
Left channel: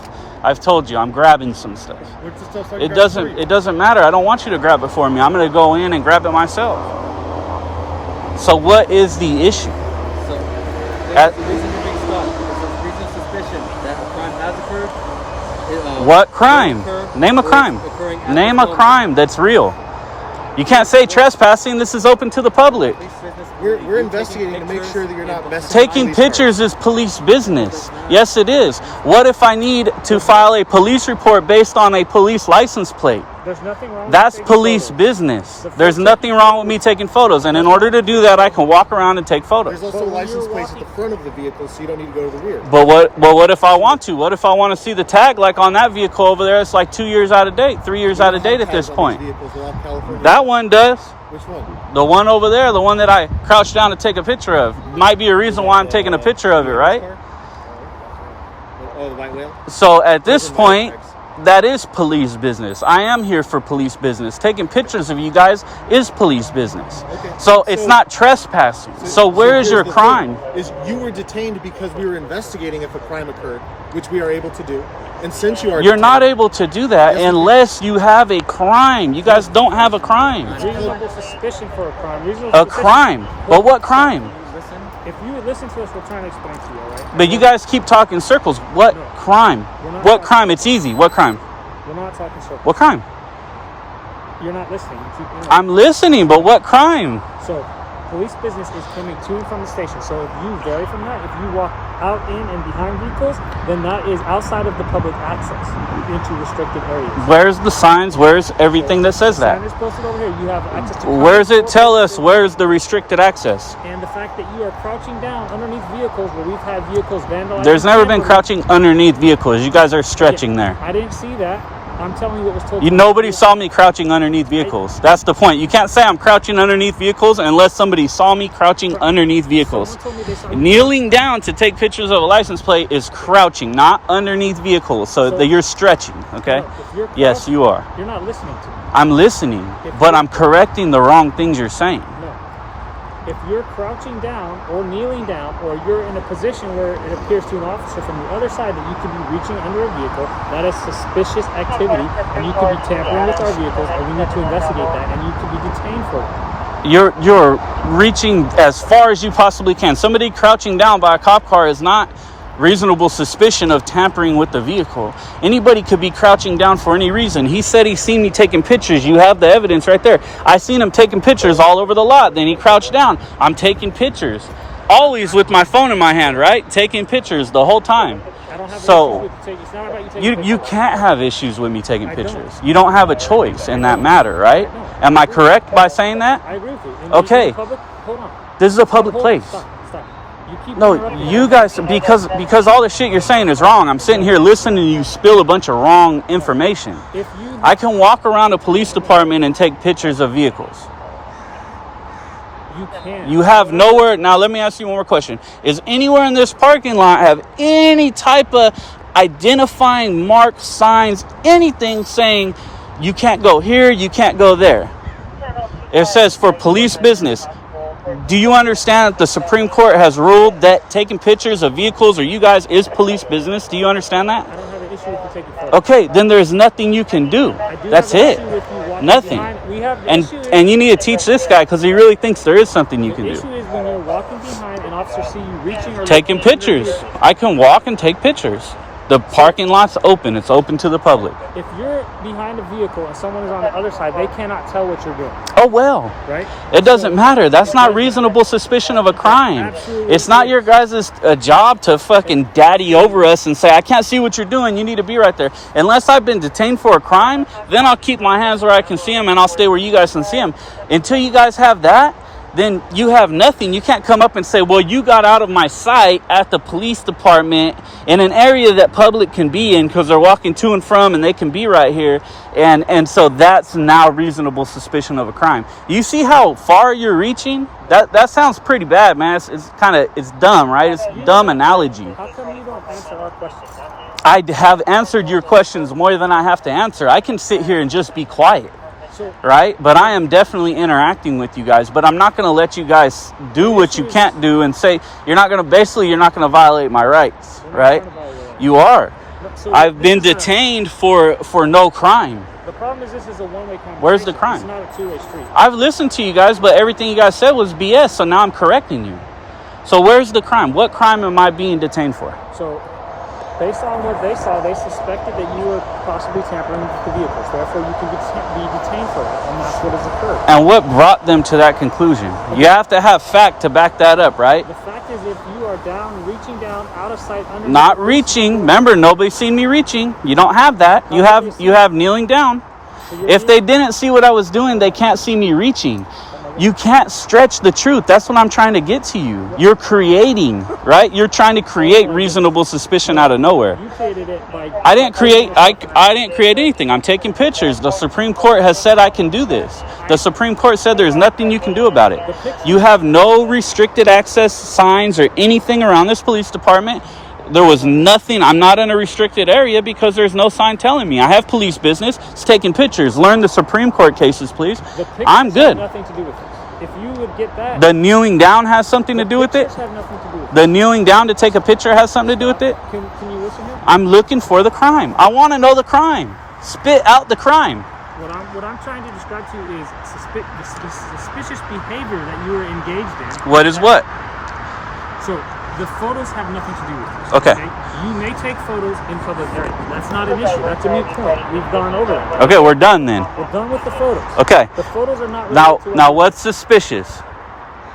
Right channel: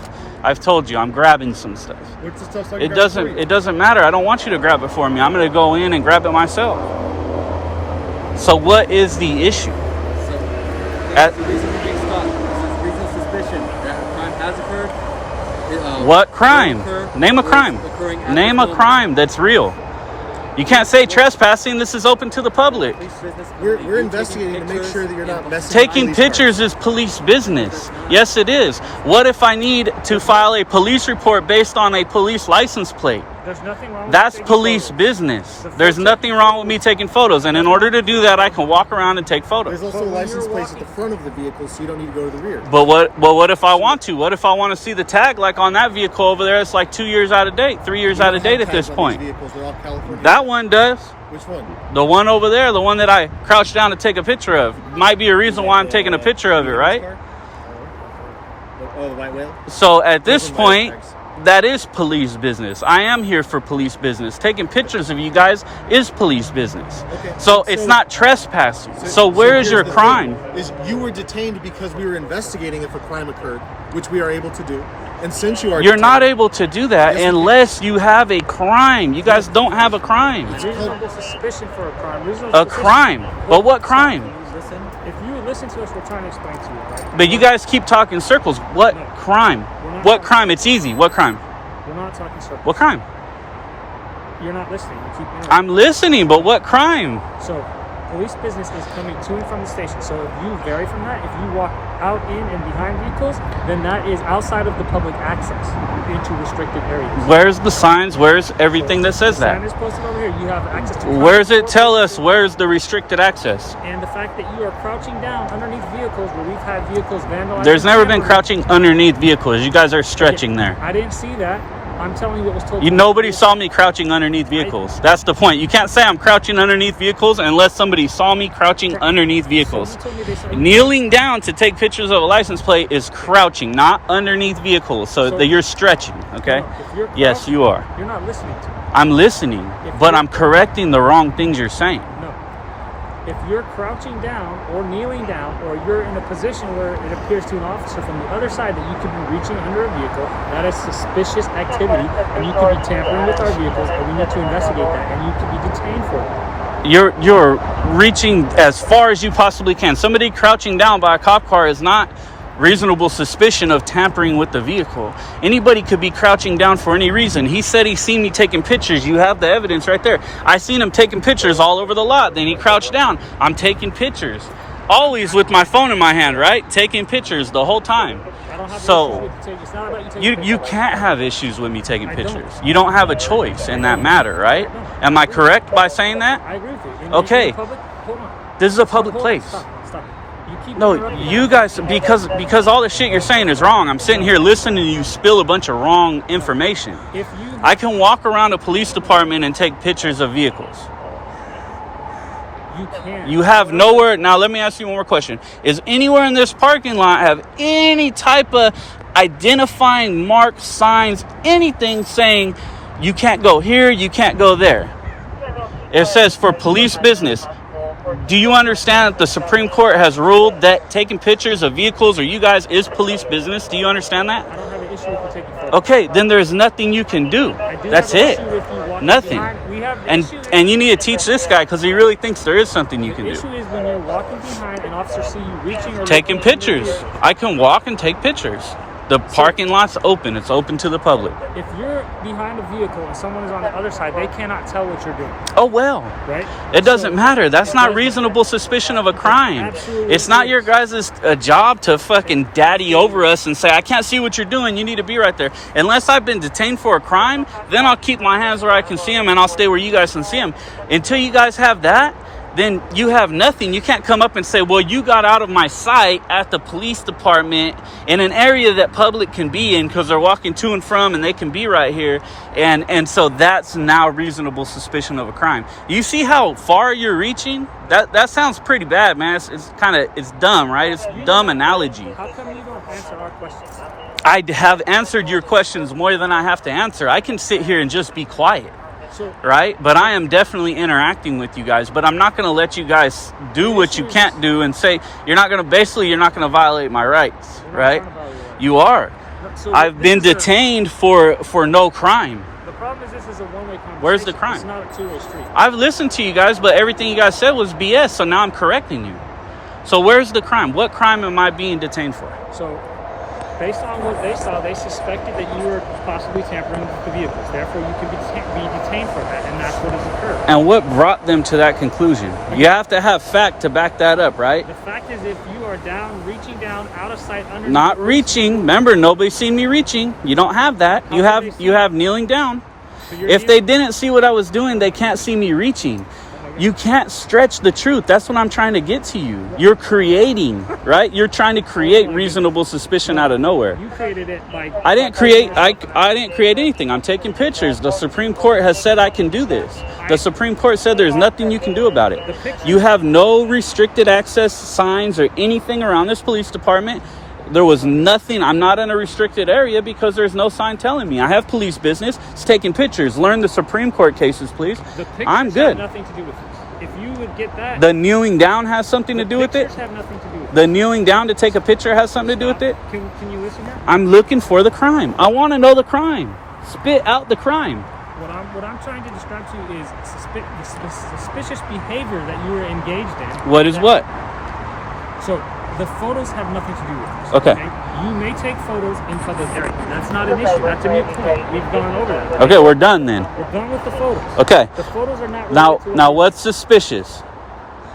I've told you, I'm grabbing some stuff. What's the stuff like It doesn't matter. I don't want you to grab it for me. I'm going to go in and grab it myself. So what is the issue? The reason you're being stopped is there's reasonable suspicion that a crime has occurred. What crime? Name a crime. Name a crime that's real. You can't say trespassing. This is open to the public. We're investigating to make sure that you're not messing. Taking pictures is police business. Yes, it is. What if I need to file a police report based on a police license plate? There's nothing wrong with That's police business. There's nothing wrong with me taking photos. And in order to do that, I can walk around and take photos. There's also license plates at the front of the vehicle, so you don't need to go to the rear. But what if I want to? What if I want to see the tag like on that vehicle over there? It's like 2 years out of date, 3 years out of date at this point. They're all California. That one does. Which one? The one over there, the one that I crouched down to take a picture of. Might be a reason why I'm taking a picture of it, right? Oh, the white whale? So at this point, that is police business. I am here for police business. Taking pictures of you guys is police business. Okay. So it's not trespassing. So where is your crime? Is you were detained because we were investigating if a crime occurred, which we are able to do. And since you're detained, not able to do that unless you have a crime. You guys don't have a crime. Reasonable suspicion for a crime. A crime. But what crime? If you would listen to us, we're trying to explain to you, all right? But you guys keep talking circles. What crime? What crime? It's easy. What crime? We're not talking circles. What crime? You're not listening. You keep interrupting. I'm listening, but what crime? So, police business is coming to and from the station. So if you vary from that, if you walk out, in, and behind vehicles, then that is outside of the public access into restricted areas. Where's the signs? Where's everything that says that? The sign is posted over here. You have access to. Where's it tell us where's the restricted access? And the fact that you are crouching down underneath vehicles where we've had vehicles vandalized. There's never been crouching underneath vehicles. You guys are stretching there. I didn't see that. I'm telling you what was told. Nobody saw me crouching underneath vehicles. That's the point. You can't say I'm crouching underneath vehicles unless somebody saw me crouching underneath vehicles. Kneeling down to take pictures of a license plate is crouching, not underneath vehicles. So you're stretching, okay? Yes, you are. You're not listening to me. I'm listening, but I'm correcting the wrong things you're saying. No. If you're crouching down or kneeling down, or you're in a position where it appears to an officer from the other side that you could be reaching under a vehicle, that is suspicious activity, and you could be tampering with our vehicles, and we need to investigate that, and you could be detained for that. You're reaching as far as you possibly can. Somebody crouching down by a cop car is not reasonable suspicion of tampering with the vehicle. Anybody could be crouching down for any reason. He said he seen me taking pictures. You have the evidence right there. I seen him taking pictures all over the lot. Then he crouched down. I'm taking pictures. Always with my phone in my hand, right? Taking pictures the whole time. So you can't have issues with me taking pictures. You don't have a choice in that matter, right? Am I correct by saying that? I agree with you. Okay. Hold on. This is a public place. Stop. No, you guys, because all the shit you're saying is wrong. I'm sitting here listening to you spill a bunch of wrong information. I can walk around a police department and take pictures of vehicles. You can. You have nowhere. Now, let me ask you one more question. Is anywhere in this parking lot have any type of identifying mark, signs, anything saying you can't go here, you can't go there? It says for police business. Do you understand that the Supreme Court has ruled that taking pictures of vehicles or you guys is police business? Do you understand that? I don't have an issue with you taking photos. Okay, then there's nothing you can do. That's it. Nothing. And you need to teach this guy because he really thinks there is something you can The do. issue is when you're walking behind an officer see you reaching or Taking pictures. I can walk and take pictures. The parking lot's open. It's open to the public. If you're behind a vehicle and someone is on the other side, they cannot tell what you're doing. Oh, well. Right? It doesn't matter. That's not reasonable suspicion of a crime. Absolutely. It's not your guys' job to fucking daddy over us and say, I can't see what you're doing. You need to be right there. Unless I've been detained for a crime, then I'll keep my hands where I can see them and I'll stay where you guys can see them. Until you guys have that, then you have nothing. You can't come up and say, well, you got out of my sight at the police department in an area that public can be in because they're walking to and from and they can be right here. And so that's now reasonable suspicion of a crime. You see how far you're reaching? That sounds pretty bad, man. It's dumb, right? It's a dumb analogy. How come you don't answer our questions? I have answered your questions more than I have to answer. I can sit here and just be quiet. Right? But I am definitely interacting with you guys. But I'm not going to let you guys do what you can't do and say you're not going to violate my rights, right? You are. I've been detained for no crime. The problem is this is a one-way conversation. Where's the crime? It's not a two-way street. I've listened to you guys, but everything you guys said was BS. So now I'm correcting you. So where's the crime? What crime am I being detained for? So based on what they saw, they suspected that you were possibly tampering with the vehicles. Therefore, you can be detained for that, and that's what has occurred. And what brought them to that conclusion? You have to have fact to back that up, right? The fact is, if you are down, reaching down, out of sight, under not reaching. Remember, nobody's seen me reaching. You don't have that. You have kneeling down. So if they didn't see what I was doing, they can't see me reaching. You can't stretch the truth. That's what I'm trying to get to you. You're creating, right? You're trying to create reasonable suspicion out of nowhere. You created it by... I didn't create anything. I'm taking pictures. The Supreme Court has said I can do this. The Supreme Court said there's nothing you can do about it. You have no restricted access signs or anything around this police department. There was nothing. I'm not in a restricted area because there's no sign telling me. I have police business. It's taking pictures. Learn the Supreme Court cases, please. I'm good. Have nothing to do with this. If you would get that... The kneeling down has something to do with it? Have nothing to do with it. The kneeling down to take a picture has something to do with it? Can you listen to me? I'm looking for the crime. I want to know the crime. Spit out the crime. What I'm trying to describe to you is suspicious behavior that you were engaged in. What is what? So the photos have nothing to do with this. Okay. You may take photos in public area. That's not an issue. That's a moot point. We've gone over that. Okay, we're done then. We're done with the photos. Okay. The photos are not related to now what's suspicious?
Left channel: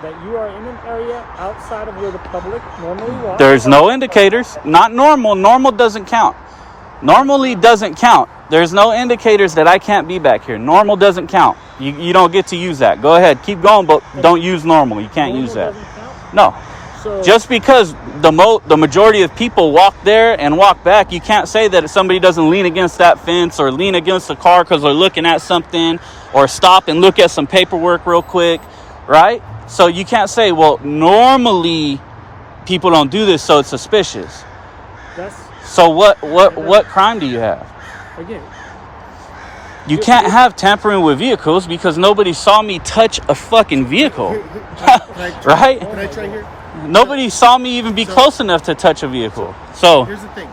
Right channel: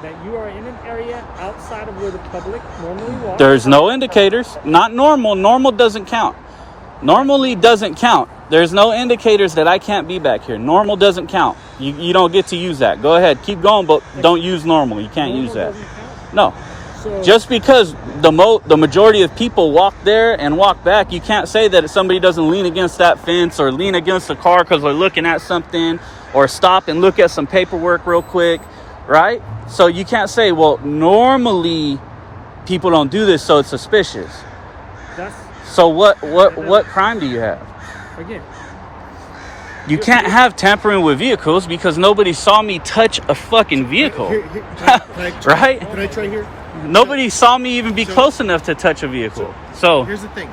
That you are in an area outside of where the public normally walks. There's no indicators. Not normal. Normal doesn't count. Normally doesn't count. There's no indicators that I can't be back here. Normal doesn't count. You don't get to use that. Go ahead. Keep going, but don't use normal. You can't use that. No. So, just because the majority of people walk there and walk back, you can't say that if somebody doesn't lean against that fence or lean against the car because they're looking at something or stop and look at some paperwork real quick, right? So you can't say, well, normally people don't do this, so it's suspicious. So what crime do you have? Again, you can't have tampering with vehicles because nobody saw me touch a fucking vehicle. Right? Can I try here? Nobody saw me even be close enough to touch a vehicle. So here's the thing.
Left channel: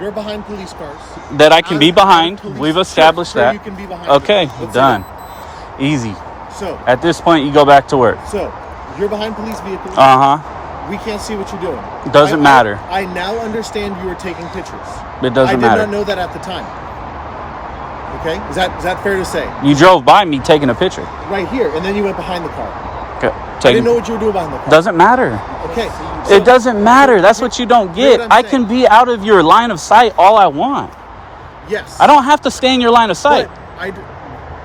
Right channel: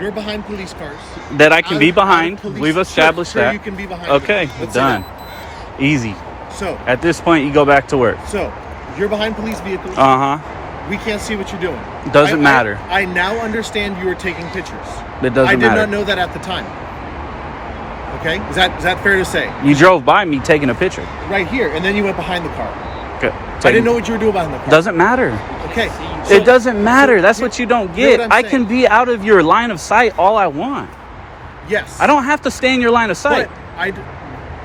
You're behind police cars. That I can be behind. We've established that. You can be behind. Okay, done. Easy. So at this point, you go back to work. So you're behind police vehicles. Uh-huh. We can't see what you're doing. Doesn't matter. I now understand you were taking pictures. It doesn't matter. I did not know that at the time. Okay? Is that fair to say? You drove by me taking a picture. Right here, and then you went behind the car. Okay. I didn't know what you were doing behind the car. Doesn't matter. Okay. It doesn't matter. That's what you don't hear get. what I'm I saying. can be out of your line of sight all I want. Yes. I don't have to stay in your line of sight, But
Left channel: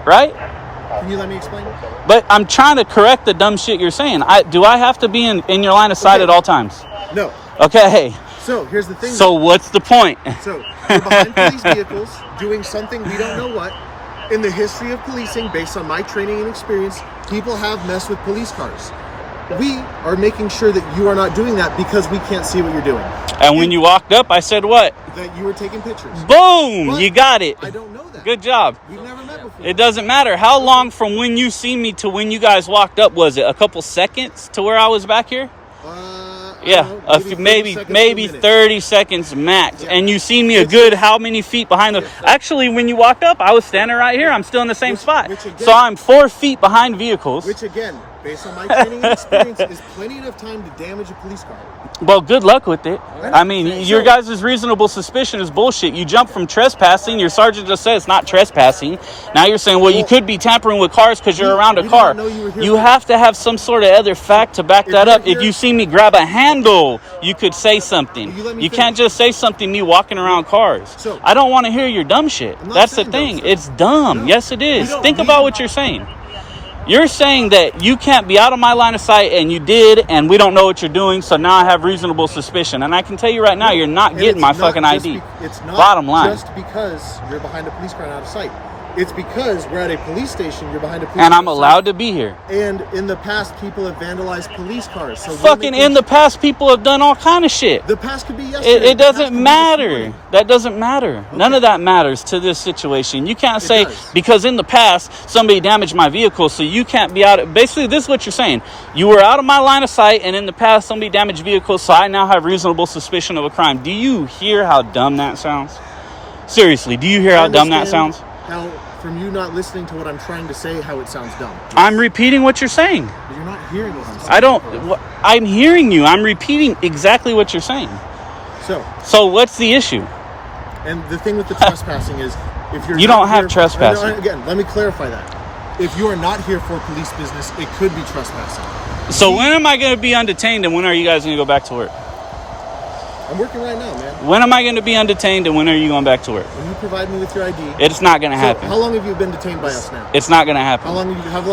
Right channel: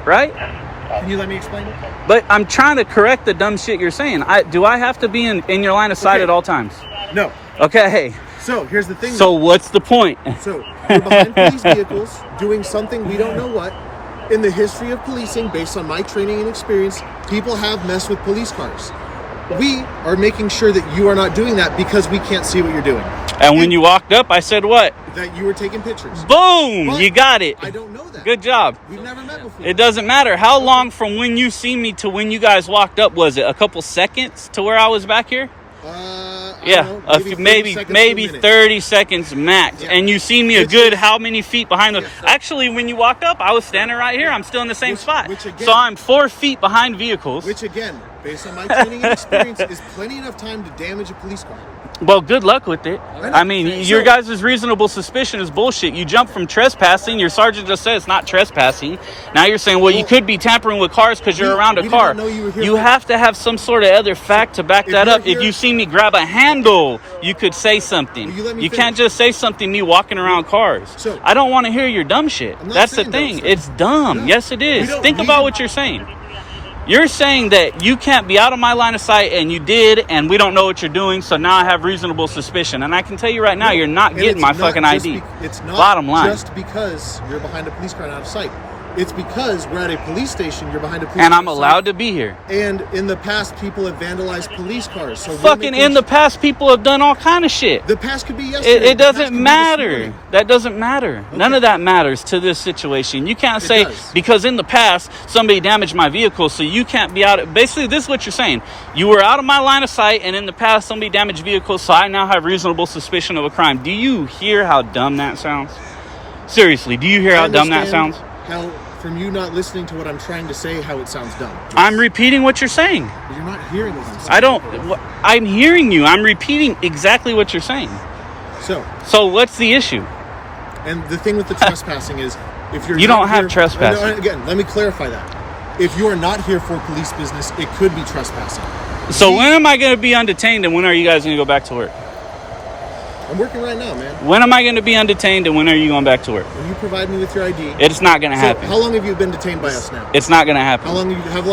right? can you let me explain it? But I'm trying to correct the dumb shit you're saying. Do I have to be in your line of sight Okay. at all times? No. Okay. So here's the thing. So what's the point? So you're behind police vehicles doing something we don't know what. In the history of policing, based on my training and experience, people have messed with police cars. We are making sure that you are not doing that because we can't see what you're doing. And when you walked up, I said what? That you were taking pictures. Boom! But You got it. I don't know that. Good job. We've never met before. It doesn't matter. How long from when you see me to when you guys walked up was it? A couple seconds to where I was back here? I Yeah, don't know, maybe 30 seconds to a maybe minute. 30 seconds max. Yeah. And you see me a good how many feet behind the... Actually, when you walked up, I was standing right here. I'm still in the same spot. which again- So I'm 4 feet behind vehicles. Which again, based on my training and experience, is plenty enough time to damage a police car. Well, good luck with it. I mean, So- your guys' reasonable suspicion is bullshit. You jump from trespassing. Your sergeant just said it's not trespassing. Now you're saying, well, you could be tampering with cars because you're around a we car. didn't know you were here You for- have to have some sort of other fact to back that you're up. If here- you see me grab a handle, you could say something. Will you let me can't finish? just say something me walking around cars. So- I don't want to hear your dumb shit. I'm not That's the saying dumb thing. stuff. It's dumb. No, Yes, it we is. don't Think need about to- what you're saying. You're saying that you can't be out of my line of sight, and you did, and we don't know what you're doing, so now I have reasonable suspicion. And I can tell you right now, you're not And getting it's my not fucking just ID. It's not Bottom line. just because you're behind a police car and out of sight. It's because we're at a police station, you're behind a police And car I'm out of allowed sight. to be here. And in the past, people have vandalized police cars. So we're Fucking making in the past, people have done all kind of shit. The past could be yesterday. It The past doesn't could be this matter. morning. That doesn't matter. None of that matters to this situation. You can't say does. because in the past somebody damaged my vehicle, so you can't be out. Basically, this is what you're saying. You were out of my line of sight, and in the past somebody damaged vehicles, so I now have reasonable suspicion of a crime. Do you hear how dumb that sounds? Seriously, do you hear how dumb that understand sounds? How, from you not listening to what I'm trying to say, how it sounds dumb. I'm repeating what you're saying. But you're not hearing what I'm saying. I don't. I'm hearing you. I'm repeating exactly what you're saying. So what's the issue? And the thing with the trespassing is, if you're You not don't have here- trespassing. No, again, let me clarify that. If you are not here for police business, it could be trespassing. So when am I going to be undetained, and when are you guys going to go back to work? I'm working right now, man. When am I going to be undetained, and when are you going back to work? When you provide me with your ID. It's not going to So happen. how long have you been detained by us now? It's not going to happen. How long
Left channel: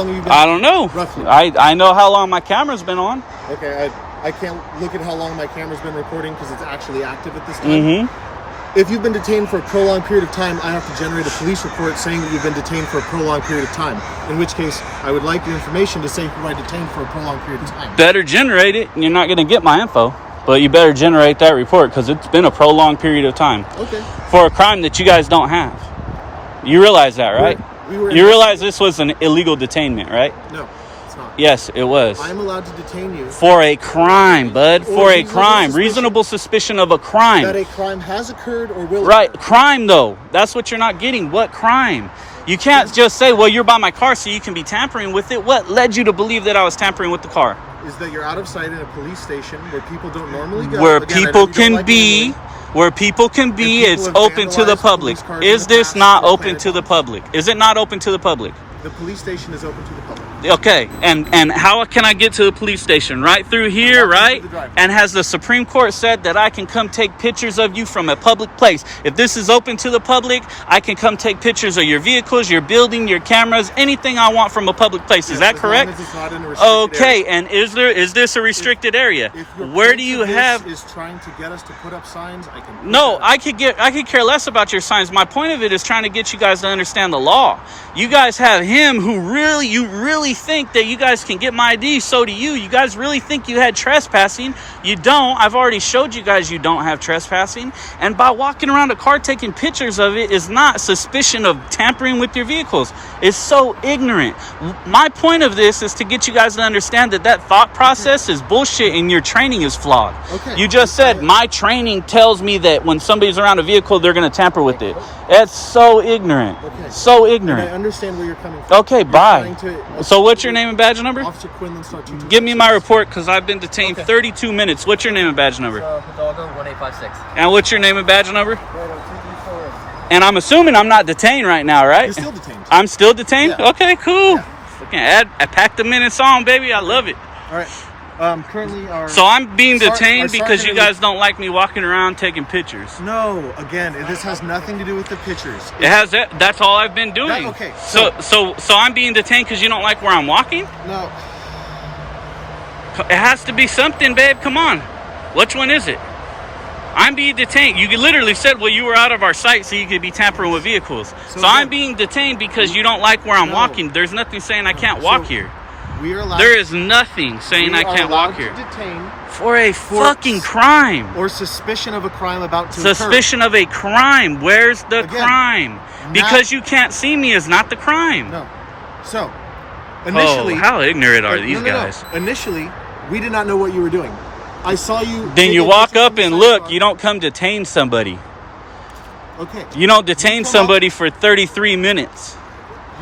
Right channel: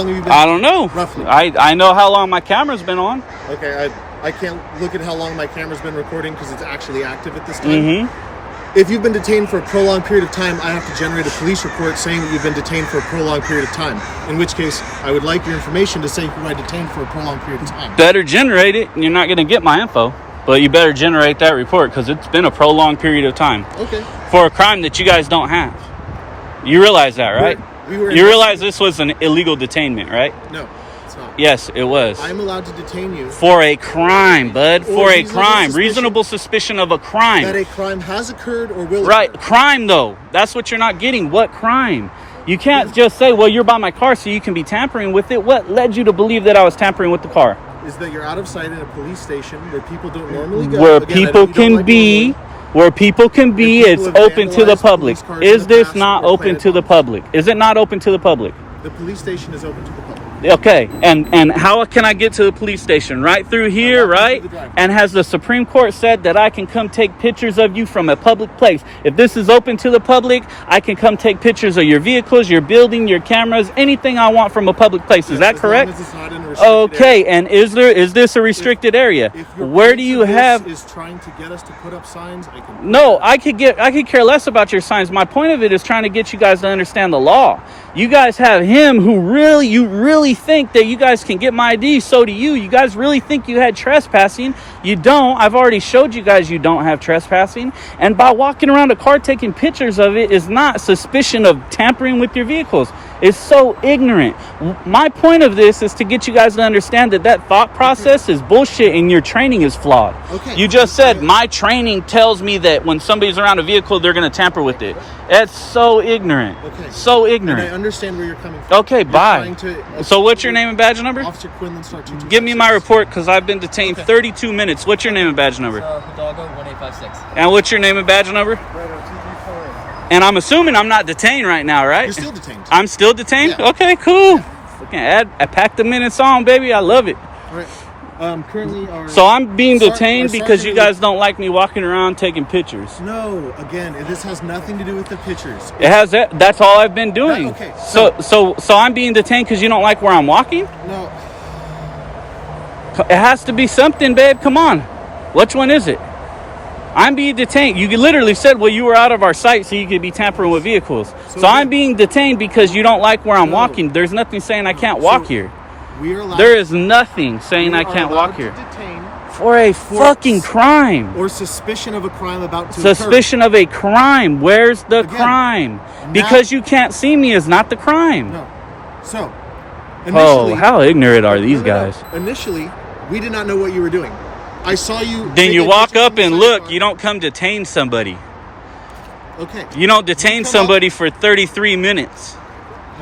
have you been? I don't know. Roughly. I know how long my camera's been on. Okay, I can't look at how long my camera's been recording because it's actually active at this time. Mm-hmm. If you've been detained for a prolonged period of time, I have to generate a police report saying that you've been detained for a prolonged period of time. In which case, I would like your information to say who I detained for a prolonged period of time. Better generate it, and you're not going to get my info. But you better generate that report because it's been a prolonged period of time Okay. for a crime that you guys don't have. You realize that, right? We were You realize this was an illegal detainment, right? No, it's not. Yes, it was. I'm allowed to detain you For a crime, bud. For a reasonable crime. suspicion. Reasonable suspicion of a crime. that a crime has occurred or will Right, occur. crime though. That's what you're not getting. What crime? You can't just say, well, you're by my car so you can be tampering with it. What led you to believe that I was tampering with the car? Is that you're out of sight in a police station where people don't normally go. Where Again, I know people you don't can like be, normally. where people can be, people it's have open to the vandalized public. police cars in Is the this past not or open planted to the bombs. public? Is it not open to the public? The police station is open to the public. Okay, and how can I get to the police station? Right through here, walk you right? through the driveway. And has the Supreme Court said that I can come take pictures of you from a public place? If this is open to the public, I can come take pictures of your vehicles, your building, your cameras, anything I want from a public place. Is that As correct? long as it's not in a restricted Okay, area. and is this a restricted area? If your Where point do you of this have? is trying to get us to put up signs, I can. put No, that up. I could care less about your signs. My point of it is trying to get you guys to understand the law. You guys have him who you really think that you guys can get my ID. So do you. You guys really think you had trespassing. You don't. I've already showed you guys you don't have trespassing. And by walking around a car taking pictures of it is not suspicion of tampering with your vehicles. is so ignorant. My point of this is to get you guys to understand that thought process is bullshit and your training is flawed. Okay. You just said my training tells me that when somebody's around a vehicle, they're going to tamper with it. That's so ignorant. Okay. So And I ignorant. understand where you're coming from. Okay, You're bye. trying to- So what's your name and badge number? Officer Quinlan, Star 226. Give me my report because I've been detained Okay. 32 minutes. What's your name and badge number? Hidalgo 1856. And what's your name and badge number? And I'm assuming I'm not detained right now, right? You're still detained. I'm still detained? Yeah. Okay, cool. I packed the minutes on, baby. I love it. All right. Currently, our So I'm being Sar- detained our because you sergeant- guys don't like me walking around taking pictures. No, again, this has nothing to do with the pictures. It has that. That's all I've been doing. Okay, So I'm being detained because you don't like where I'm walking? No, It has to be something, babe. Come on. Which one is it? I'm being detained. You literally said, well, you were out of our sight so you could be tampering with vehicles. So I'm being detained because you don't like where I'm walking. There's nothing saying I can't walk here. we are allowed. There is nothing saying I can't walk to here. detain For a fucking crime. or suspicion of a crime about to occur. Suspicion of a crime. Where's the Again, crime? now- Because you can't see me is not the crime. No. So, initially, Oh, how ignorant are these No, no, no. guys? Initially, we did not know what you were doing. I saw you. Then take you a walk picture up from the and side look. car. You don't come detain somebody. Okay. You don't detain come up- somebody for 33 minutes.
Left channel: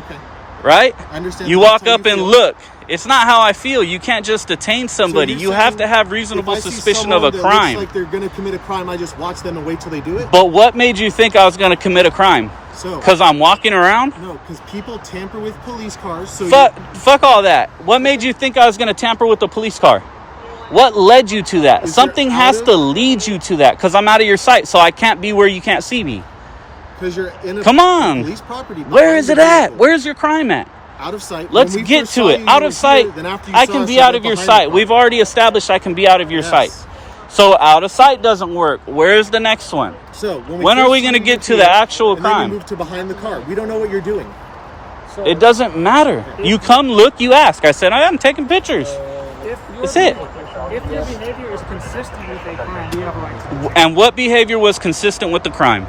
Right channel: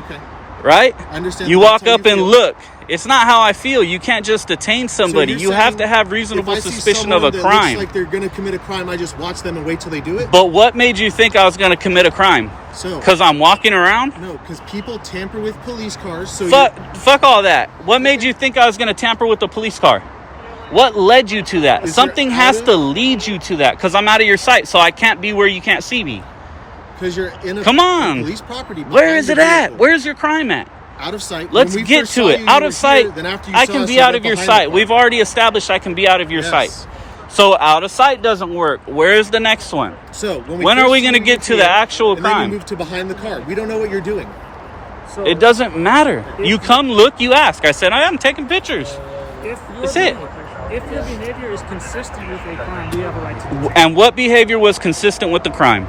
Okay. right? I understand. You That's walk how up you and feel. look. It's not how I feel. You can't just detain somebody. you're You have saying to have reasonable if I see suspicion of a someone that crime. looks like they're going to commit a crime, I just watch them and wait till they do it. But what made you think I was going to commit a crime? So, Because I'm walking around? no, because people tamper with police cars. So Fuck all that. What made you think I was going to tamper with a police car? What led you to that? Is Something there has out to of- lead you to that because I'm out of your sight, so I can't be where you can't see me. because you're in a Come on. police property. Where behind is the it at? vehicle. Where's your crime at? Out of sight. Let's When we get first to saw it. you, Out you of were sight. here, then after you I saw can us, be you out went of your behind the sight. car. We've already established I can be out of your Yes. sight. So out of sight doesn't work. Where's the next one? So When are first we see gonna you get to here, the actual and then crime? you move to behind the car. We don't know what you're doing. So It doesn't matter. You come, look, you ask. I said, I am taking pictures. if your That's it. If your behavior is consistent with a crime, we have a right to detain. And what behavior was consistent with the crime?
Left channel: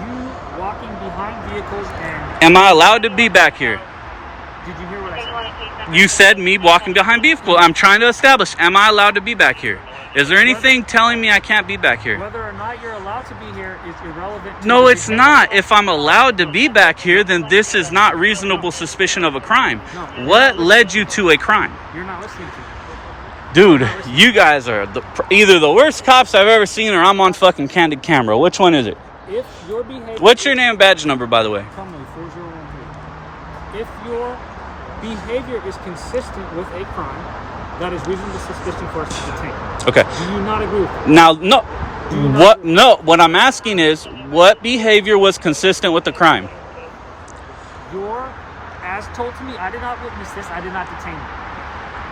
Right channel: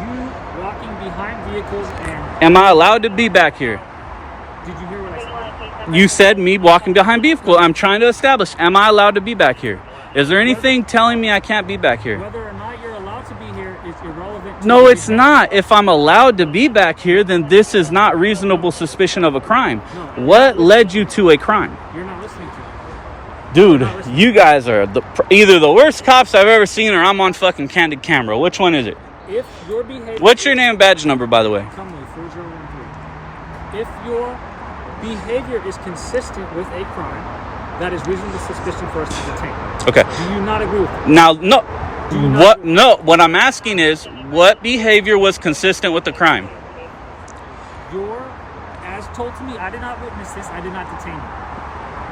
You walking behind vehicles and Am I allowed to be back here? did you hear what I said? You said me walking behind vehicle. I'm trying to establish, am I allowed to be back here? Is there anything telling me I can't be back here? Whether or not you're allowed to be here is irrelevant. to No, the it's behavior. not. If I'm allowed to be back here, then this is not reasonable suspicion of a crime. No. What led you to a crime? You're not listening to me. Dude, you guys are either the worst cops I've ever seen or I'm on fucking candid camera. Which one is it? If your behavior What's your name and badge number, by the way? Tell me, 4013. If your behavior is consistent with a crime, that is reasonable suspicion for us to detain. Okay. Do you not agree with that? Now, no. Do you not What? agree? No. What I'm asking is, what behavior was consistent with the crime? As told to me, I did not witness this, I did not detain you.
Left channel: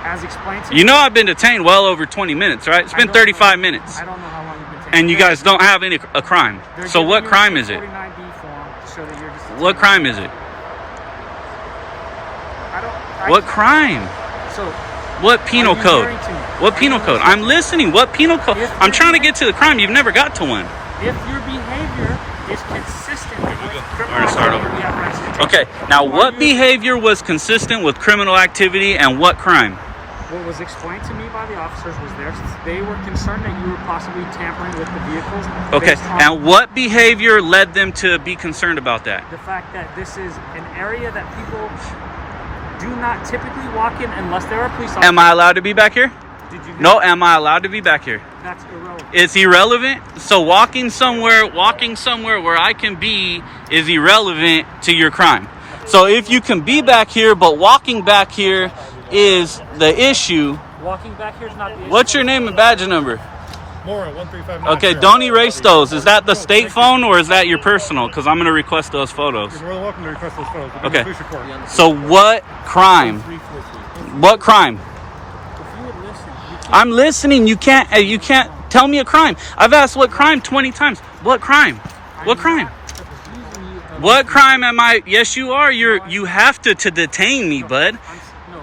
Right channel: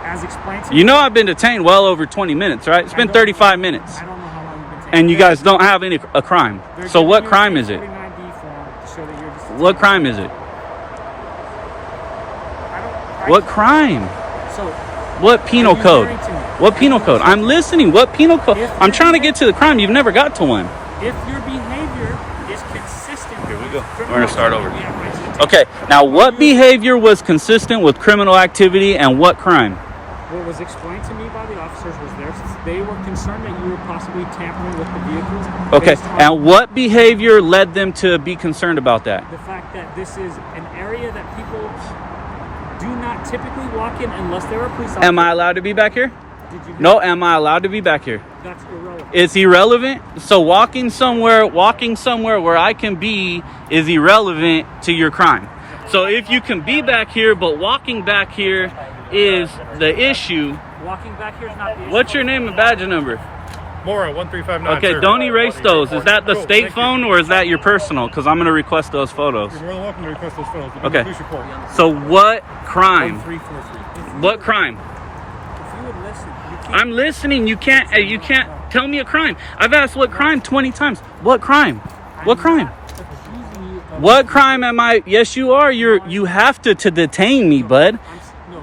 As explained to You know I've been detained well over 20 minutes, right? It's I been don't 35 know- minutes. I don't know how long you've been detained. And you guys don't have a crime. They're So giving what you crime a is it? 49B form to show that you're just What crime is it? I What crime? So, What penal Are you code? hearing to me? What Are penal you code? listening? I'm listening. What penal code? If I'm you're trying to being- get to the crime. You've never got to one. if your behavior is consistent with criminal gonna start activity, over. we have rights to detain. Okay. Now, what you- behavior was consistent with criminal activity and what crime? What was explained to me by the officers was they were concerned that you were possibly tampering with the vehicles. Okay. based on And what behavior led them to be concerned about that? the fact that this is an area that people do not typically walk in unless there are police officers. Am I allowed to be back here? Did you? No. Am I allowed to be back here? That's irrelevant. It's irrelevant. So walking somewhere where I can be is irrelevant to your crime. So if you can be back here, but walking back here is the issue, Walking back here is not the issue. what's your name and badge number? Mora 1359. Okay, sir. don't erase those. Is that the Cool, state thank you. phone or is that your personal? Because I'm going to request those photos. You're more than welcome to request those photos. We'll Okay. do a police report. So what crime? 1343. What crime? If you would listen, you can't. I'm listening. You can't tell me a crime. I've asked what crime 20 times. What crime? What crime? What crime am I? Yes, you are. You have to detain me, bud.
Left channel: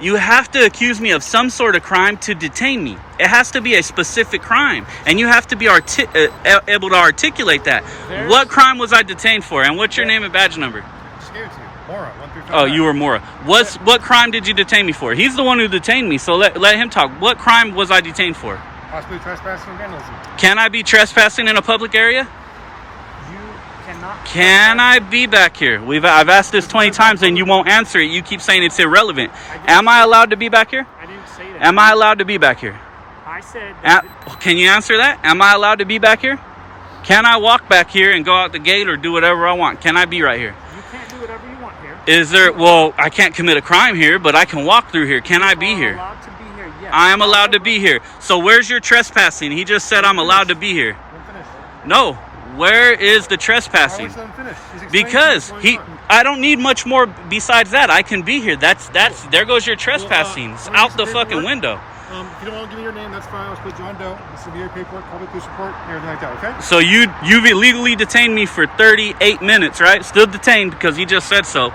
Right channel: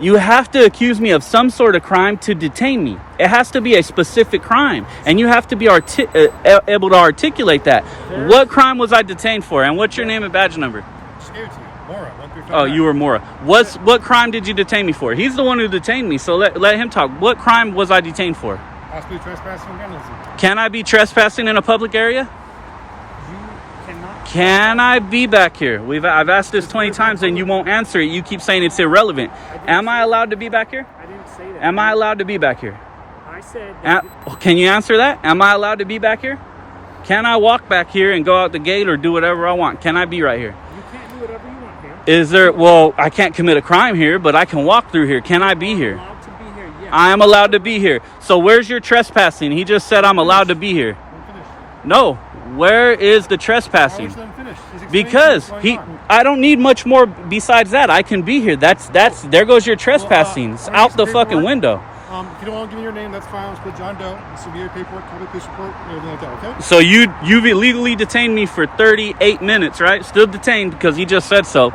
You have to accuse me of some sort of crime to detain me. It has to be a specific crime, and you have to be able to articulate that. What crime was I detained for, and what's your name and badge number? just gave it to you. Mora, 1359. Oh, you were Mora. What crime did you detain me for? He's the one who detained me, so let him talk. What crime was I detained for? Possibly trespassing and vandalism. Can I be trespassing in a public area? You cannot. Can I be back here? I've asked this 20 times and you won't answer it. You keep saying it's irrelevant. Am I allowed to be back here? I didn't say that. Am I allowed to be back here? I said. Can you answer that? Am I allowed to be back here? Can I walk back here and go out the gate or do whatever I want? Can I be right here? You can't do whatever you want here. Is there? Well, I can't commit a crime here, but I can walk through here. Can I be here? Allowed to be here. Yes. I am allowed to be here. So where's your trespassing? He just said I'm allowed to be here. Let him finish. No. Where is the Why trespassing? would you let him finish? He's explaining Because what's going on. I don't need much more besides that. I can be here. That's there goes your trespassing. It's I'm gonna out the use fucking paperwork. window. If you don't want to give me your name, that's fine. Let's put John Doe. This will be your paperwork, copy police report, everything like that, okay? So you've illegally detained me for 38 minutes, right? Still detained because he just said so.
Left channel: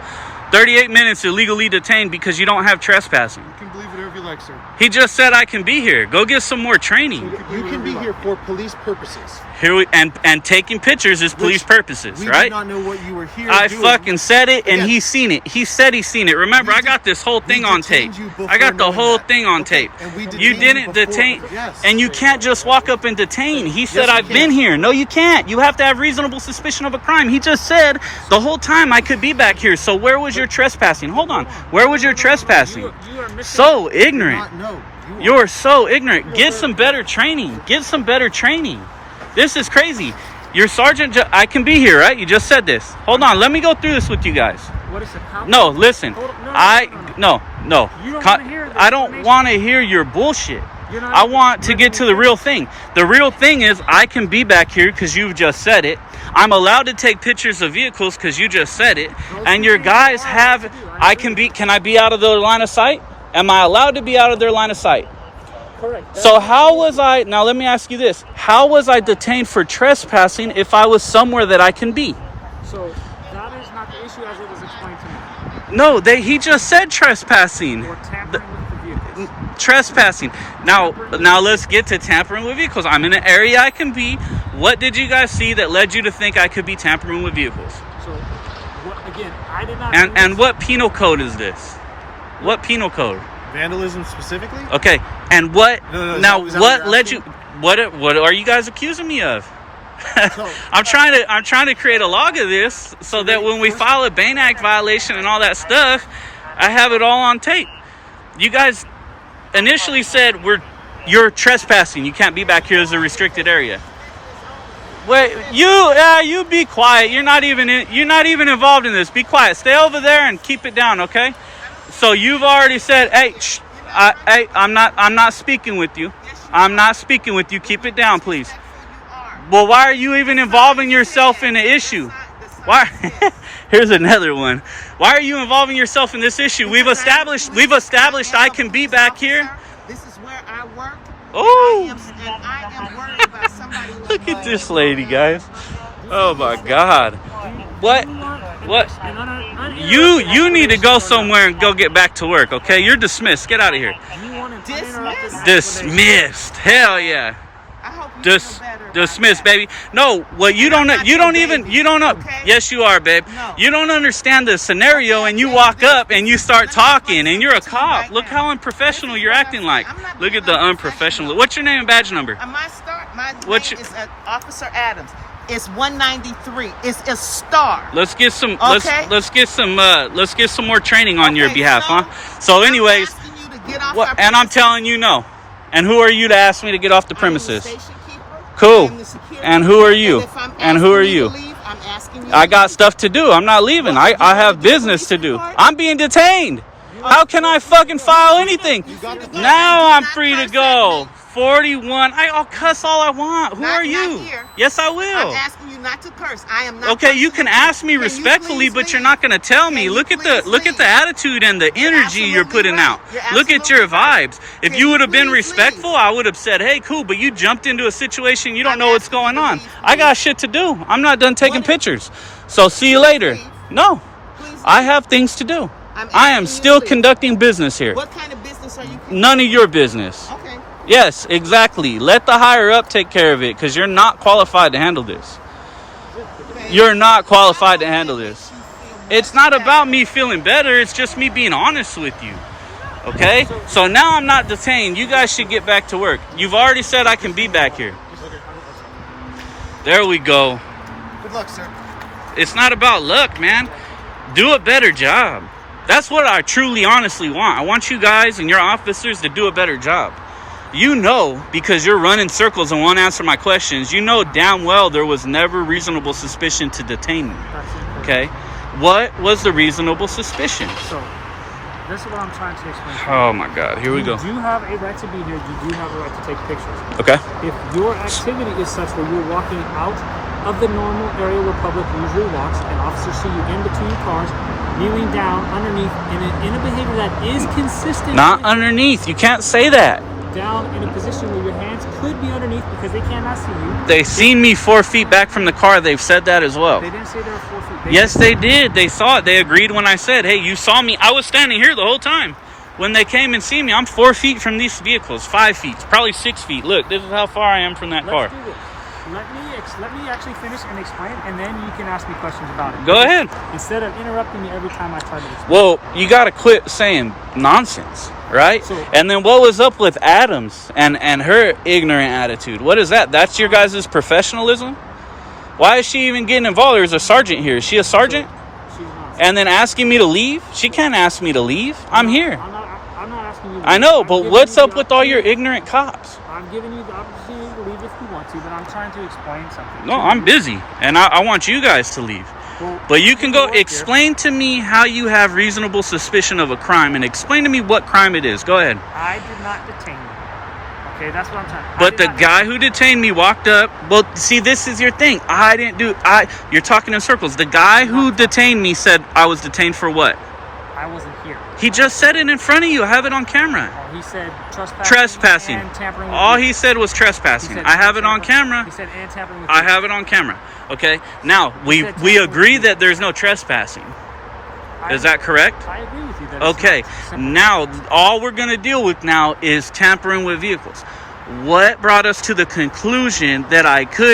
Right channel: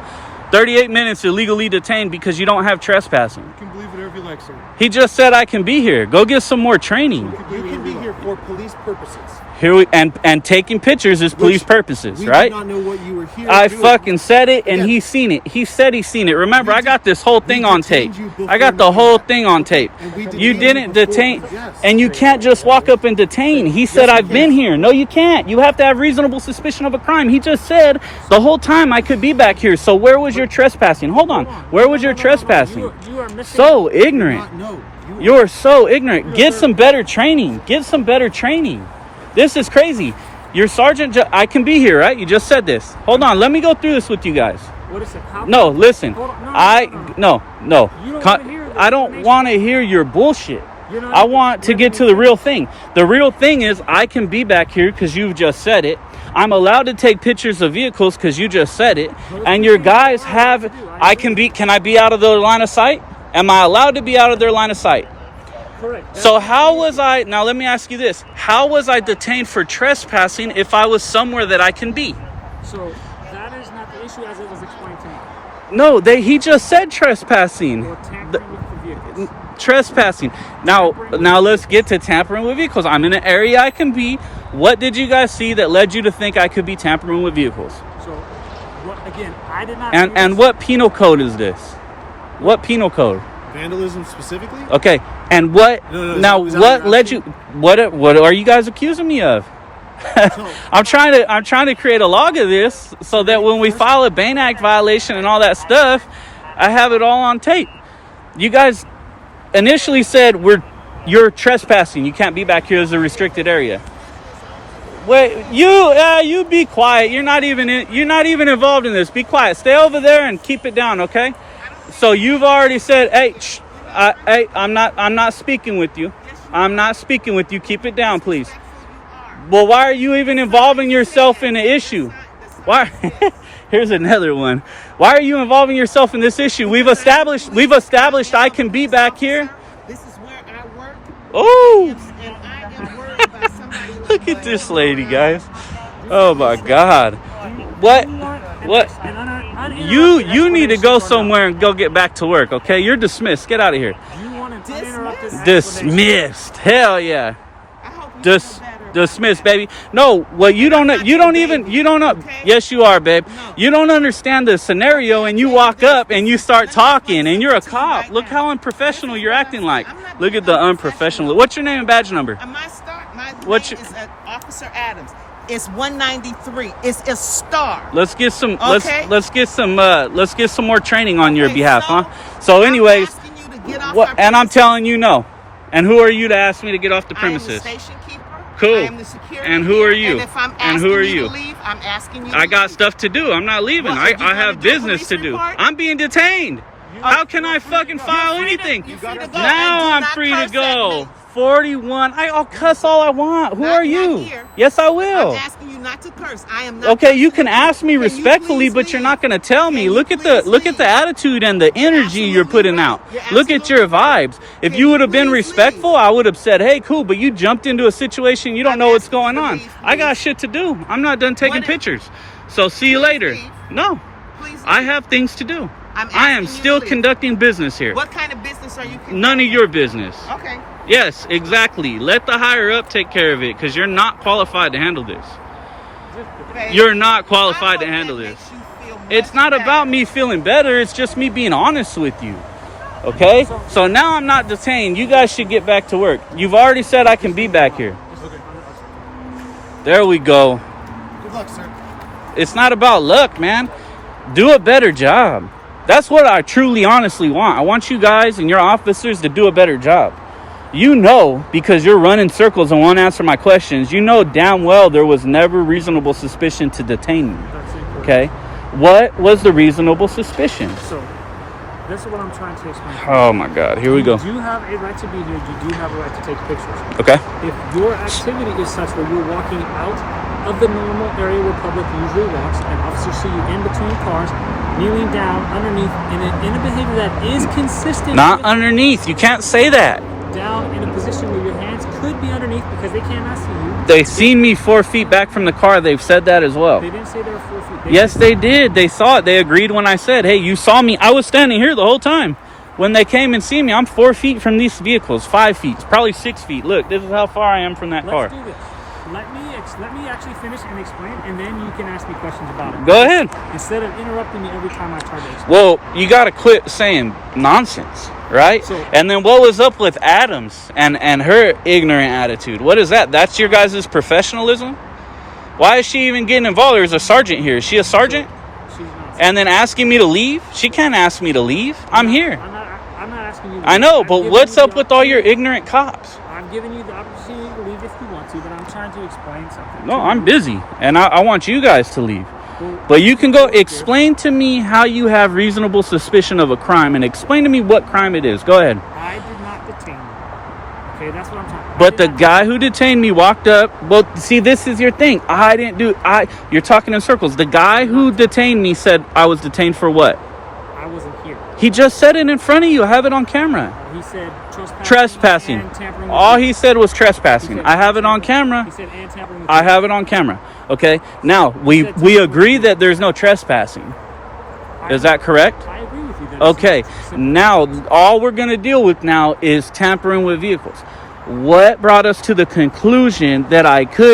38 minutes illegally detained because you don't have trespassing. You can believe whatever you like, sir. He just said I can be here. Go get some more training. You can be here for police purposes. And taking pictures is police purposes, We right? did not know what you were here I doing. fucking said it, and Yes. he's seen it. He said he's seen it. Remember, I got this whole thing on tape. detained you before I got the knowing whole that. thing on tape. And we You detained didn't you before. detain, Yes. and you can't just walk up and detain. He said, you I've can. been here. No, you can't. You have to have reasonable suspicion of a crime. He just said the whole time I could be back here. So where was your trespassing? Hold on. Where was your trespassing? You are missing. So ignorant. No, You're so ignorant. Get some better training. Get some better training. This is crazy. Your sergeant, I can be here, right? You just said this. Hold on. Let me go through this with you guys. What is a cop? No, listen. Hold on. No. No. You don't wanna hear the I don't explanation. want to hear your bullshit. You're not I want to you're get not to the real thing. The real thing is I can be back here because you've just said it. I'm allowed to take pictures of vehicles because you just said it. And your guys have, can I be out of their line of sight? Am I allowed to be out of their line of sight? Correct. So how was I, now let me ask you this. How was I detained for trespassing if I was somewhere that I can be? So that is not the issue as it was explained to me. No, he just said trespassing. Or tampering with the vehicles. Trespassing. Now let's get to tampering with vehicles. I'm in an area I can be. What did you guys see that led you to think I could be tampering with vehicles? So, what again? I did not. And what penal code is this? What penal code? Vandalism specifically? Okay. And what? No, now is that what what you're led you? What are you guys accusing me of? I'm trying to create a log of this so that when we file a Bain Act violation and all that stuff, I have it all on tape. You guys initially said you're trespassing. You can't be back here as a restricted area. Wait, you be quiet. You're not even involved in this. Be quiet. Stay over there and keep it down, okay? So you've already said, hey, I'm not speaking with you. I'm not speaking with you. Keep it down, please. Well, why are you even involving yourself in the issue? Why? Here's another one. Why are you involving yourself in this issue? We've established I can be back here. This is where I work. Oh, And I am worried about somebody like look at my this employee. lady, guys. Oh my God. What? You need to go somewhere and go get back to work, okay? You're dismissed. Get out of here. Do you want an uninterrupted Dismissed. Hell yeah. I hope you feel better about Dismissed, that. baby. No, well, you don't know. You don't know. okay? Yes, you are, babe. No. You don't understand the scenario, and you walk up and you start talking, and you're a cop. Look how unprofessional you're acting like. Look at the unprofessional. What's your name and badge number? My What's name your- is Officer Adams. It's 193. It's a star. Let's get some. Okay. Let's get some more training on your Okay, behalf, so huh? So, anyways, I'm asking you to get off what? our And I'm premises. telling you no. And who are you to ask me to get off the I am the premises? station keeper. Cool. I am the security And who are keeper. you? And if I'm And who are asking you? to leave, I'm asking you. I to got leave. stuff to do. I'm not leaving. What, I you have wanna do a business to police do. report? I'm being detained. How can I fucking file anything? You free to go. Now And do I'm not free to curse at go. me. 41. I'll cuss all I want. Who Not- are you? not here. Yes, I I'm will. asking you not to curse. I am not. Okay, you cursing can at ask me Can you respectfully, please but you're leave? not going to tell me. Can you Look at please the leave? attitude and the energy you're absolutely putting right. out. You're Look at your absolutely right. vibes. If Can you you would have been please respectful, leave? I would have said, "Hey, cool," but you jumped into a situation you don't I'm know what's asking you going to on. leave, I got please. shit to do. I'm not done taking What- pictures. So see you Please later. leave. No. Please I leave. have things to do. I'm I am asking you still to leave. conducting business here. What kind of business are you? None of your business. Okay. Yes, exactly. Let the higher up take care of it because you're not qualified to handle this. Babe, You're not I qualified to hope handle that this. makes you feel more It's not about me feeling better. It's just me being honest with you. Okay? So now I'm not detained. You guys should get back to work. You've already said I can be back here. There we go. Good luck, sir. It's not about luck, man. Do a better job. That's what I truly, honestly want. I want you guys and your officers to do a better job. You know, because you're running circles and won't answer my questions, you know damn well there was never reasonable suspicion to detain me. Okay? What was the reasonable suspicion? So, this is what I'm trying to explain. Oh my God, here we go. You do have a right to be here. You do have a right to take pictures. Okay. If your activity is such where you're walking out of the normal area where public usually walks, and officers see you in between cars, kneeling down underneath in a behavior that is consistent. Not underneath. You can't say that. Down in a position where your hands could be underneath because they cannot see you. They seen me 4 feet back from the car. They've said that as well. They didn't say they were 4 feet. Yes, they did. They saw it. They agreed when I said, hey, you saw me. I was standing here the whole time. When they came and see me, I'm 4 feet from these vehicles. 5 feet. Probably 6 feet. Look, this is how far I am from that car. Let's do this. Let me actually finish and explain, and then you can ask me questions about it. Go ahead. Instead of interrupting me every time I try to explain. Well, you got to quit saying nonsense, right? So- And then what was up with Adams and her ignorant attitude? What is that? That's your guys' professionalism? Why is she even getting involved? There's a sergeant here. Is she a sergeant? She's not. And then asking me to leave? She can't ask me to leave. I'm here. I'm not asking you to I know, leave. but I'm what's giving you up the with all your opportunity- ignorant cops? I'm giving you the opportunity to leave if you want to, but I'm trying to explain something. No, to I'm you. busy, and I want you guys to leave. Well, But you can go work here. explain to me how you have reasonable suspicion of a crime, and explain to me what crime it is. Go ahead. I did not detain you. Okay, that's what I'm trying. But the guy who detained me walked up. Well, see, this is your thing. You're talking in circles. The guy who detained me said I was detained for what? I wasn't here. He just said it in front of you. I have it on camera. He said Trespassing. and tampering with All you. he said was trespassing. I have it on camera. He said and tampering with I you. have it on camera. Okay. Now we said tampering agree with you. that there's no trespassing. Is that correct? I agree with you. That Okay. it's not simple. Now all we're gonna deal with now is tampering with vehicles. What brought us to the conclusion that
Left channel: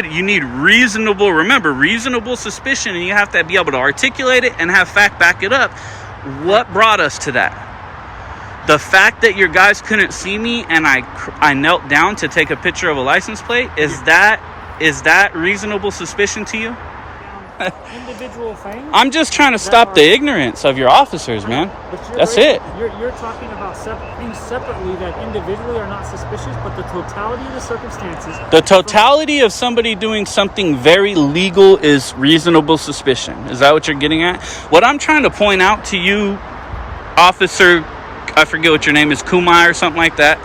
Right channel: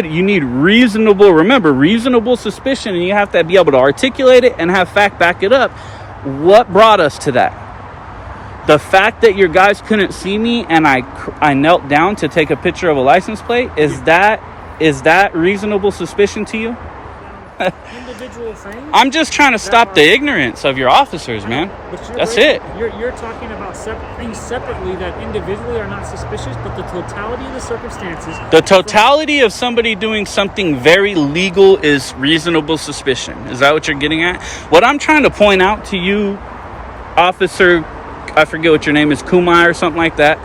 you need reasonable suspicion, and you have to be able to articulate it and have fact back it up. What brought us to that? The fact that your guys couldn't see me and I knelt down to take a picture of a license plate, is that reasonable suspicion to you? Individual things. I'm just trying to stop the ignorance of your officers, man. But That's it. You're talking about things separately that individually are not suspicious, but the totality of the circumstances. The totality of somebody doing something very legal is reasonable suspicion. Is that what you're getting at? What I'm trying to point out to you, Officer, I forget what your name is, Kumai or something like that.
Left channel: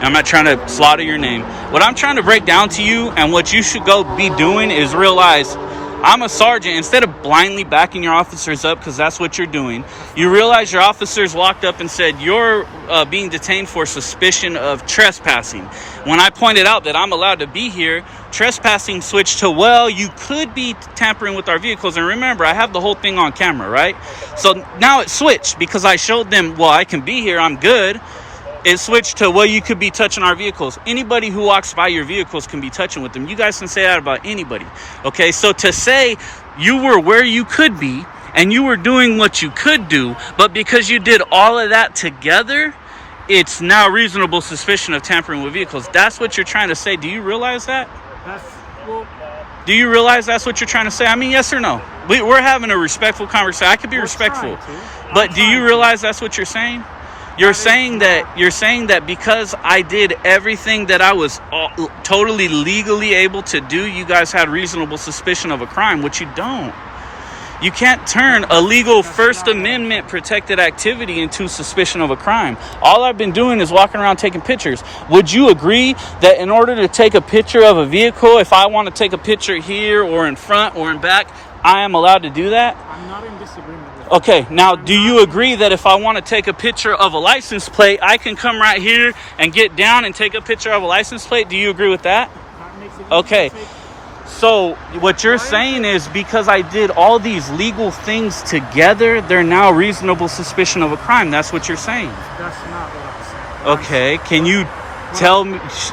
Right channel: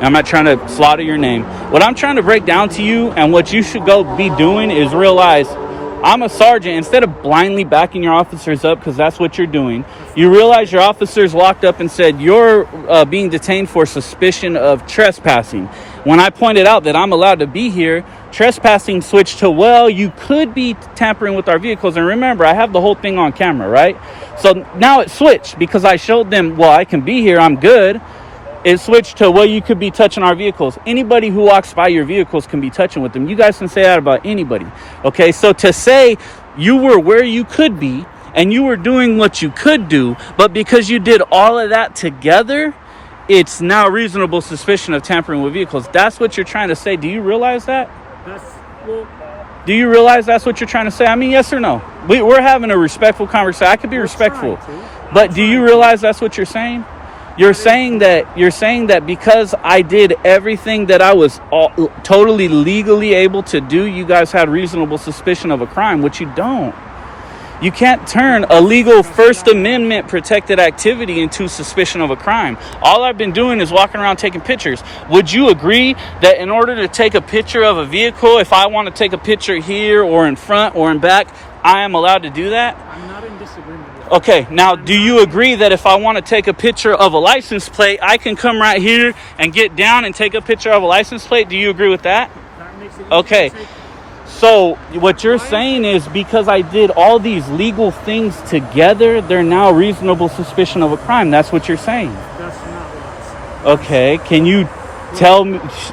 I'm not trying to slaughter your name. What I'm trying to break down to you, and what you should go be doing, is realize I'm a sergeant. Instead of blindly backing your officers up, because that's what you're doing, you realize your officers walked up and said, you're being detained for suspicion of trespassing. When I pointed out that I'm allowed to be here, trespassing switched to, well, you could be tampering with our vehicles. And remember, I have the whole thing on camera, right? So now it switched because I showed them, well, I can be here, I'm good. It switched to, well, you could be touching our vehicles. Anybody who walks by your vehicles can be touching with them. You guys can say that about anybody. Okay, so to say you were where you could be and you were doing what you could do, but because you did all of that together, it's now reasonable suspicion of tampering with vehicles. That's what you're trying to say. Do you realize that? Do you realize that's what you're trying to say? I mean, yes or no? We're having a respectful conversation. I could be respectful. But do you realize that's what you're saying? You're saying that because I did everything that I was totally legally able to do, you guys had reasonable suspicion of a crime, which you don't. You can't turn a legal First Amendment protected activity into suspicion of a crime. All I've been doing is walking around taking pictures. Would you agree that in order to take a picture of a vehicle, if I want to take a picture here or in front or in back, I am allowed to do that? I'm not in disagreement with that. Okay, now do you agree that if I want to take a picture of a license plate, I can come right here and get down and take a picture of a license plate? Do you agree with that? That makes it easy Okay. to take. So what you're saying is because I did all these legal things together, they're now reasonable suspicion of a crime. That's what you're saying. That's not what I'm saying. Okay, can you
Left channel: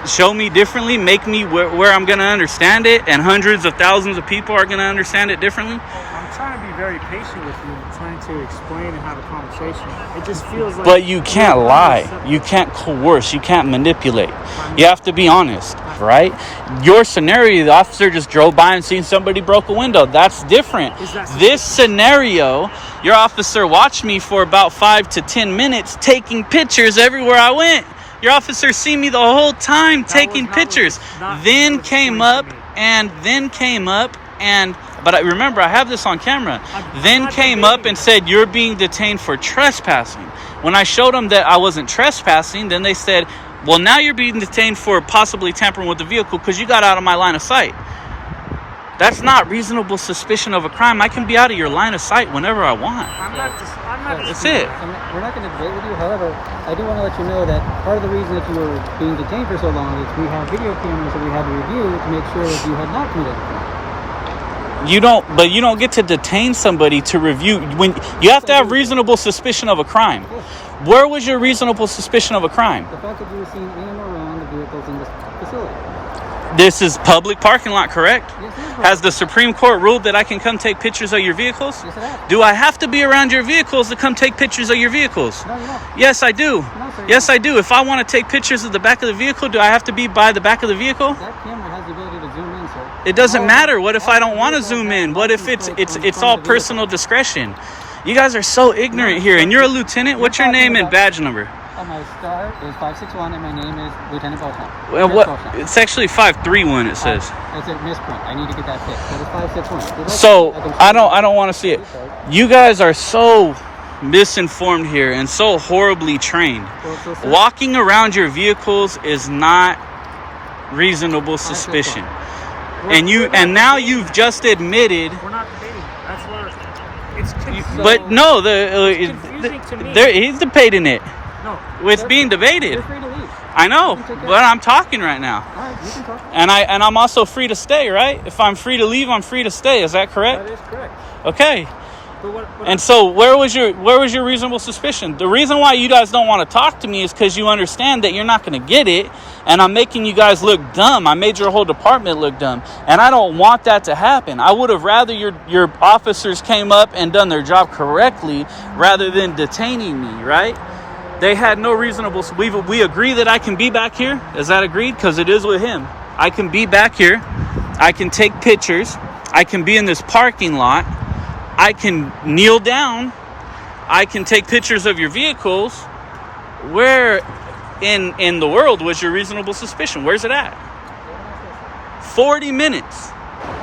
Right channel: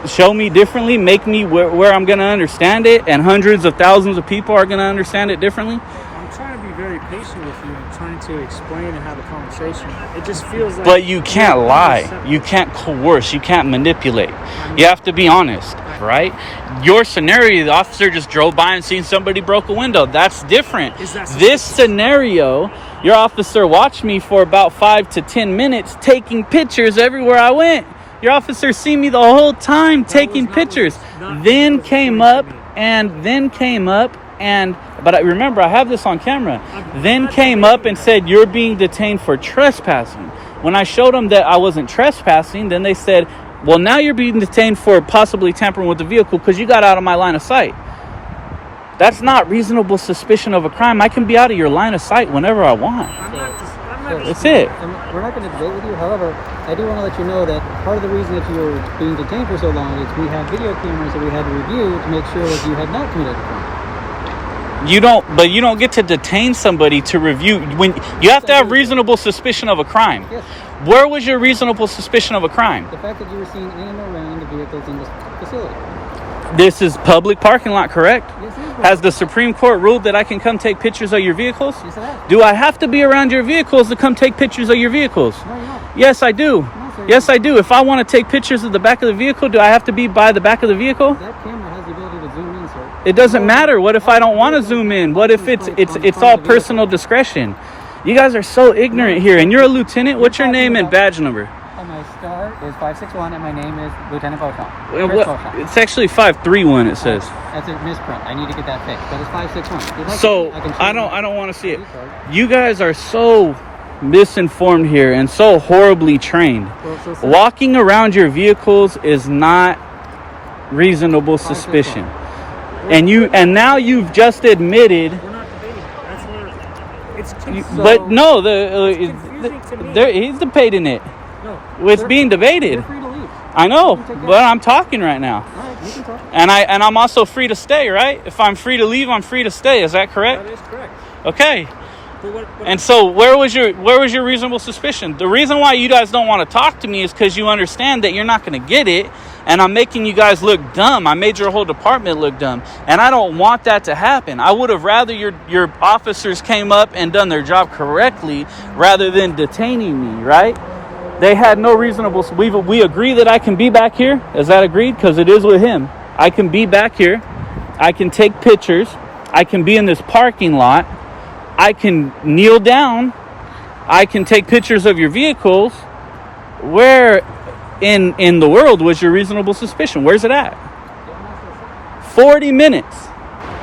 show me differently, make me where I'm going to understand it, and hundreds of thousands of people are going to understand it differently? I'm trying to be very patient with you and trying to explain and have a conversation. It just feels like. But you can't lie. You can't coerce. You can't manipulate. You have to be honest, right? Your scenario, the officer just drove by and seen somebody broke a window. That's different. This scenario, your officer watched me for about 5 to 10 minutes taking pictures everywhere I went. Your officer seen me the whole time taking pictures. Then came up and but I remember I have this on camera. Then came up and said, "You're being detained for trespassing." When I showed them that I wasn't trespassing, then they said, "Well, now you're being detained for possibly tampering with the vehicle because you got out of my line of sight." That's not reasonable suspicion of a crime. I can be out of your line of sight whenever I want. That's it. And we're not going to debate with you. However, I do want to let you know that part of the reason that you were being detained for so long is we have video cameras that we had to review to make sure that you had not committed a crime. You don't get to detain somebody to review when you have to have reasonable suspicion of a crime. Yes. Where was your reasonable suspicion of a crime? The fact that you were seen in and around the vehicles in this facility. This is public parking lot, correct? Yes, it is. Has the Supreme Court ruled that I can come take pictures of your vehicles? Yes, it has. Do I have to be around your vehicles to come take pictures of your vehicles? No, you don't. Yes, I do. No, sir, Yes, I do. If I want to take pictures of the back of the vehicle, do I have to be by the back of the vehicle? That camera has the ability to zoom in, sir. It doesn't matter. What if I don't want to zoom in? What if it's all personal discretion? You guys are so ignorant here. And you're a lieutenant. What's your name and badge number? My star is 561 and my name is Lieutenant Beauchamp. Well, what? It's actually 531. It says. That's a misprint. I need to get that fixed. That is 561. So I don't want to see it. You guys are so misinformed here and so horribly trained. Walking around your vehicles is not reasonable suspicion. And now you've just admitted. We're not debating. That's where it's confusing. But no, confusing to me. he's debating it. No, It's being debated. You're free to leave. I know, but I'm talking right now. All right, you can talk. And I'm also free to stay, right? If I'm free to leave, I'm free to stay. Is that correct? that is correct. Okay. But And so where was your reasonable suspicion? The reason why you guys don't want to talk to me is because you understand that you're not going to get it, and I'm making you guys look dumb. I made your whole department look dumb, and I don't want that to happen. I would have rather your officers came up and done their job correctly rather than detaining me, right? They had no reasonable. We agree that I can be back here. Is that agreed? Because it is with him. I can be back here. I can take pictures. I can be in this parking lot. I can kneel down. I can take pictures of your vehicles. Where in the world was your reasonable suspicion? Where's it at? 40 minutes.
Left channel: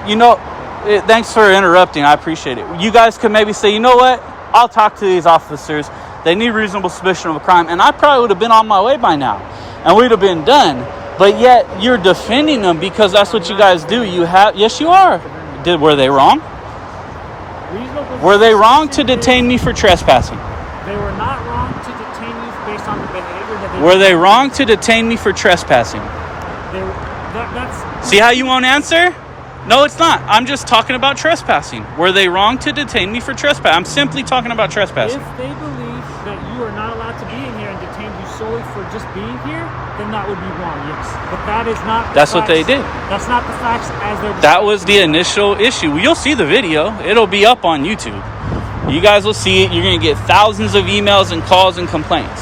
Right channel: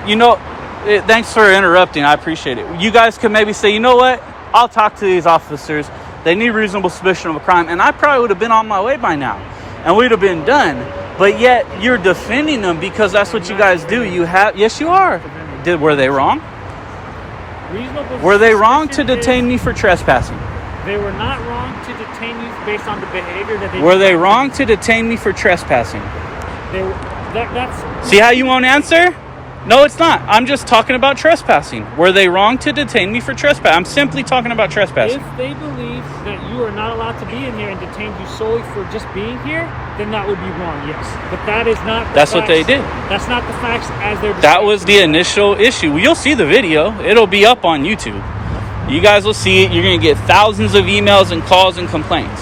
Thanks for interrupting. I appreciate it. You guys could maybe say, you know what? I'll talk to these officers. They need reasonable suspicion of a crime. And I probably would have been on my way by now. And we'd have been done. But yet you're defending them because that's what you guys do. Yes, you are. Were they wrong? Were they wrong to detain me for trespassing? They were not wrong to detain you based on the behavior that they. Were they wrong to detain me for trespassing? That's. See how you won't answer? No, it's not. I'm just talking about trespassing. Were they wrong to detain me for trespassing? I'm simply talking about trespassing. If they believe that you are not allowed to be in here and detain you solely for just being here, then that would be wrong, yes. But that is not the That's facts. what they did. That's not the facts as they're. That was the initial issue. You'll see the video. It'll be up on YouTube. You guys will see it. You're going to get thousands of emails and calls and complaints.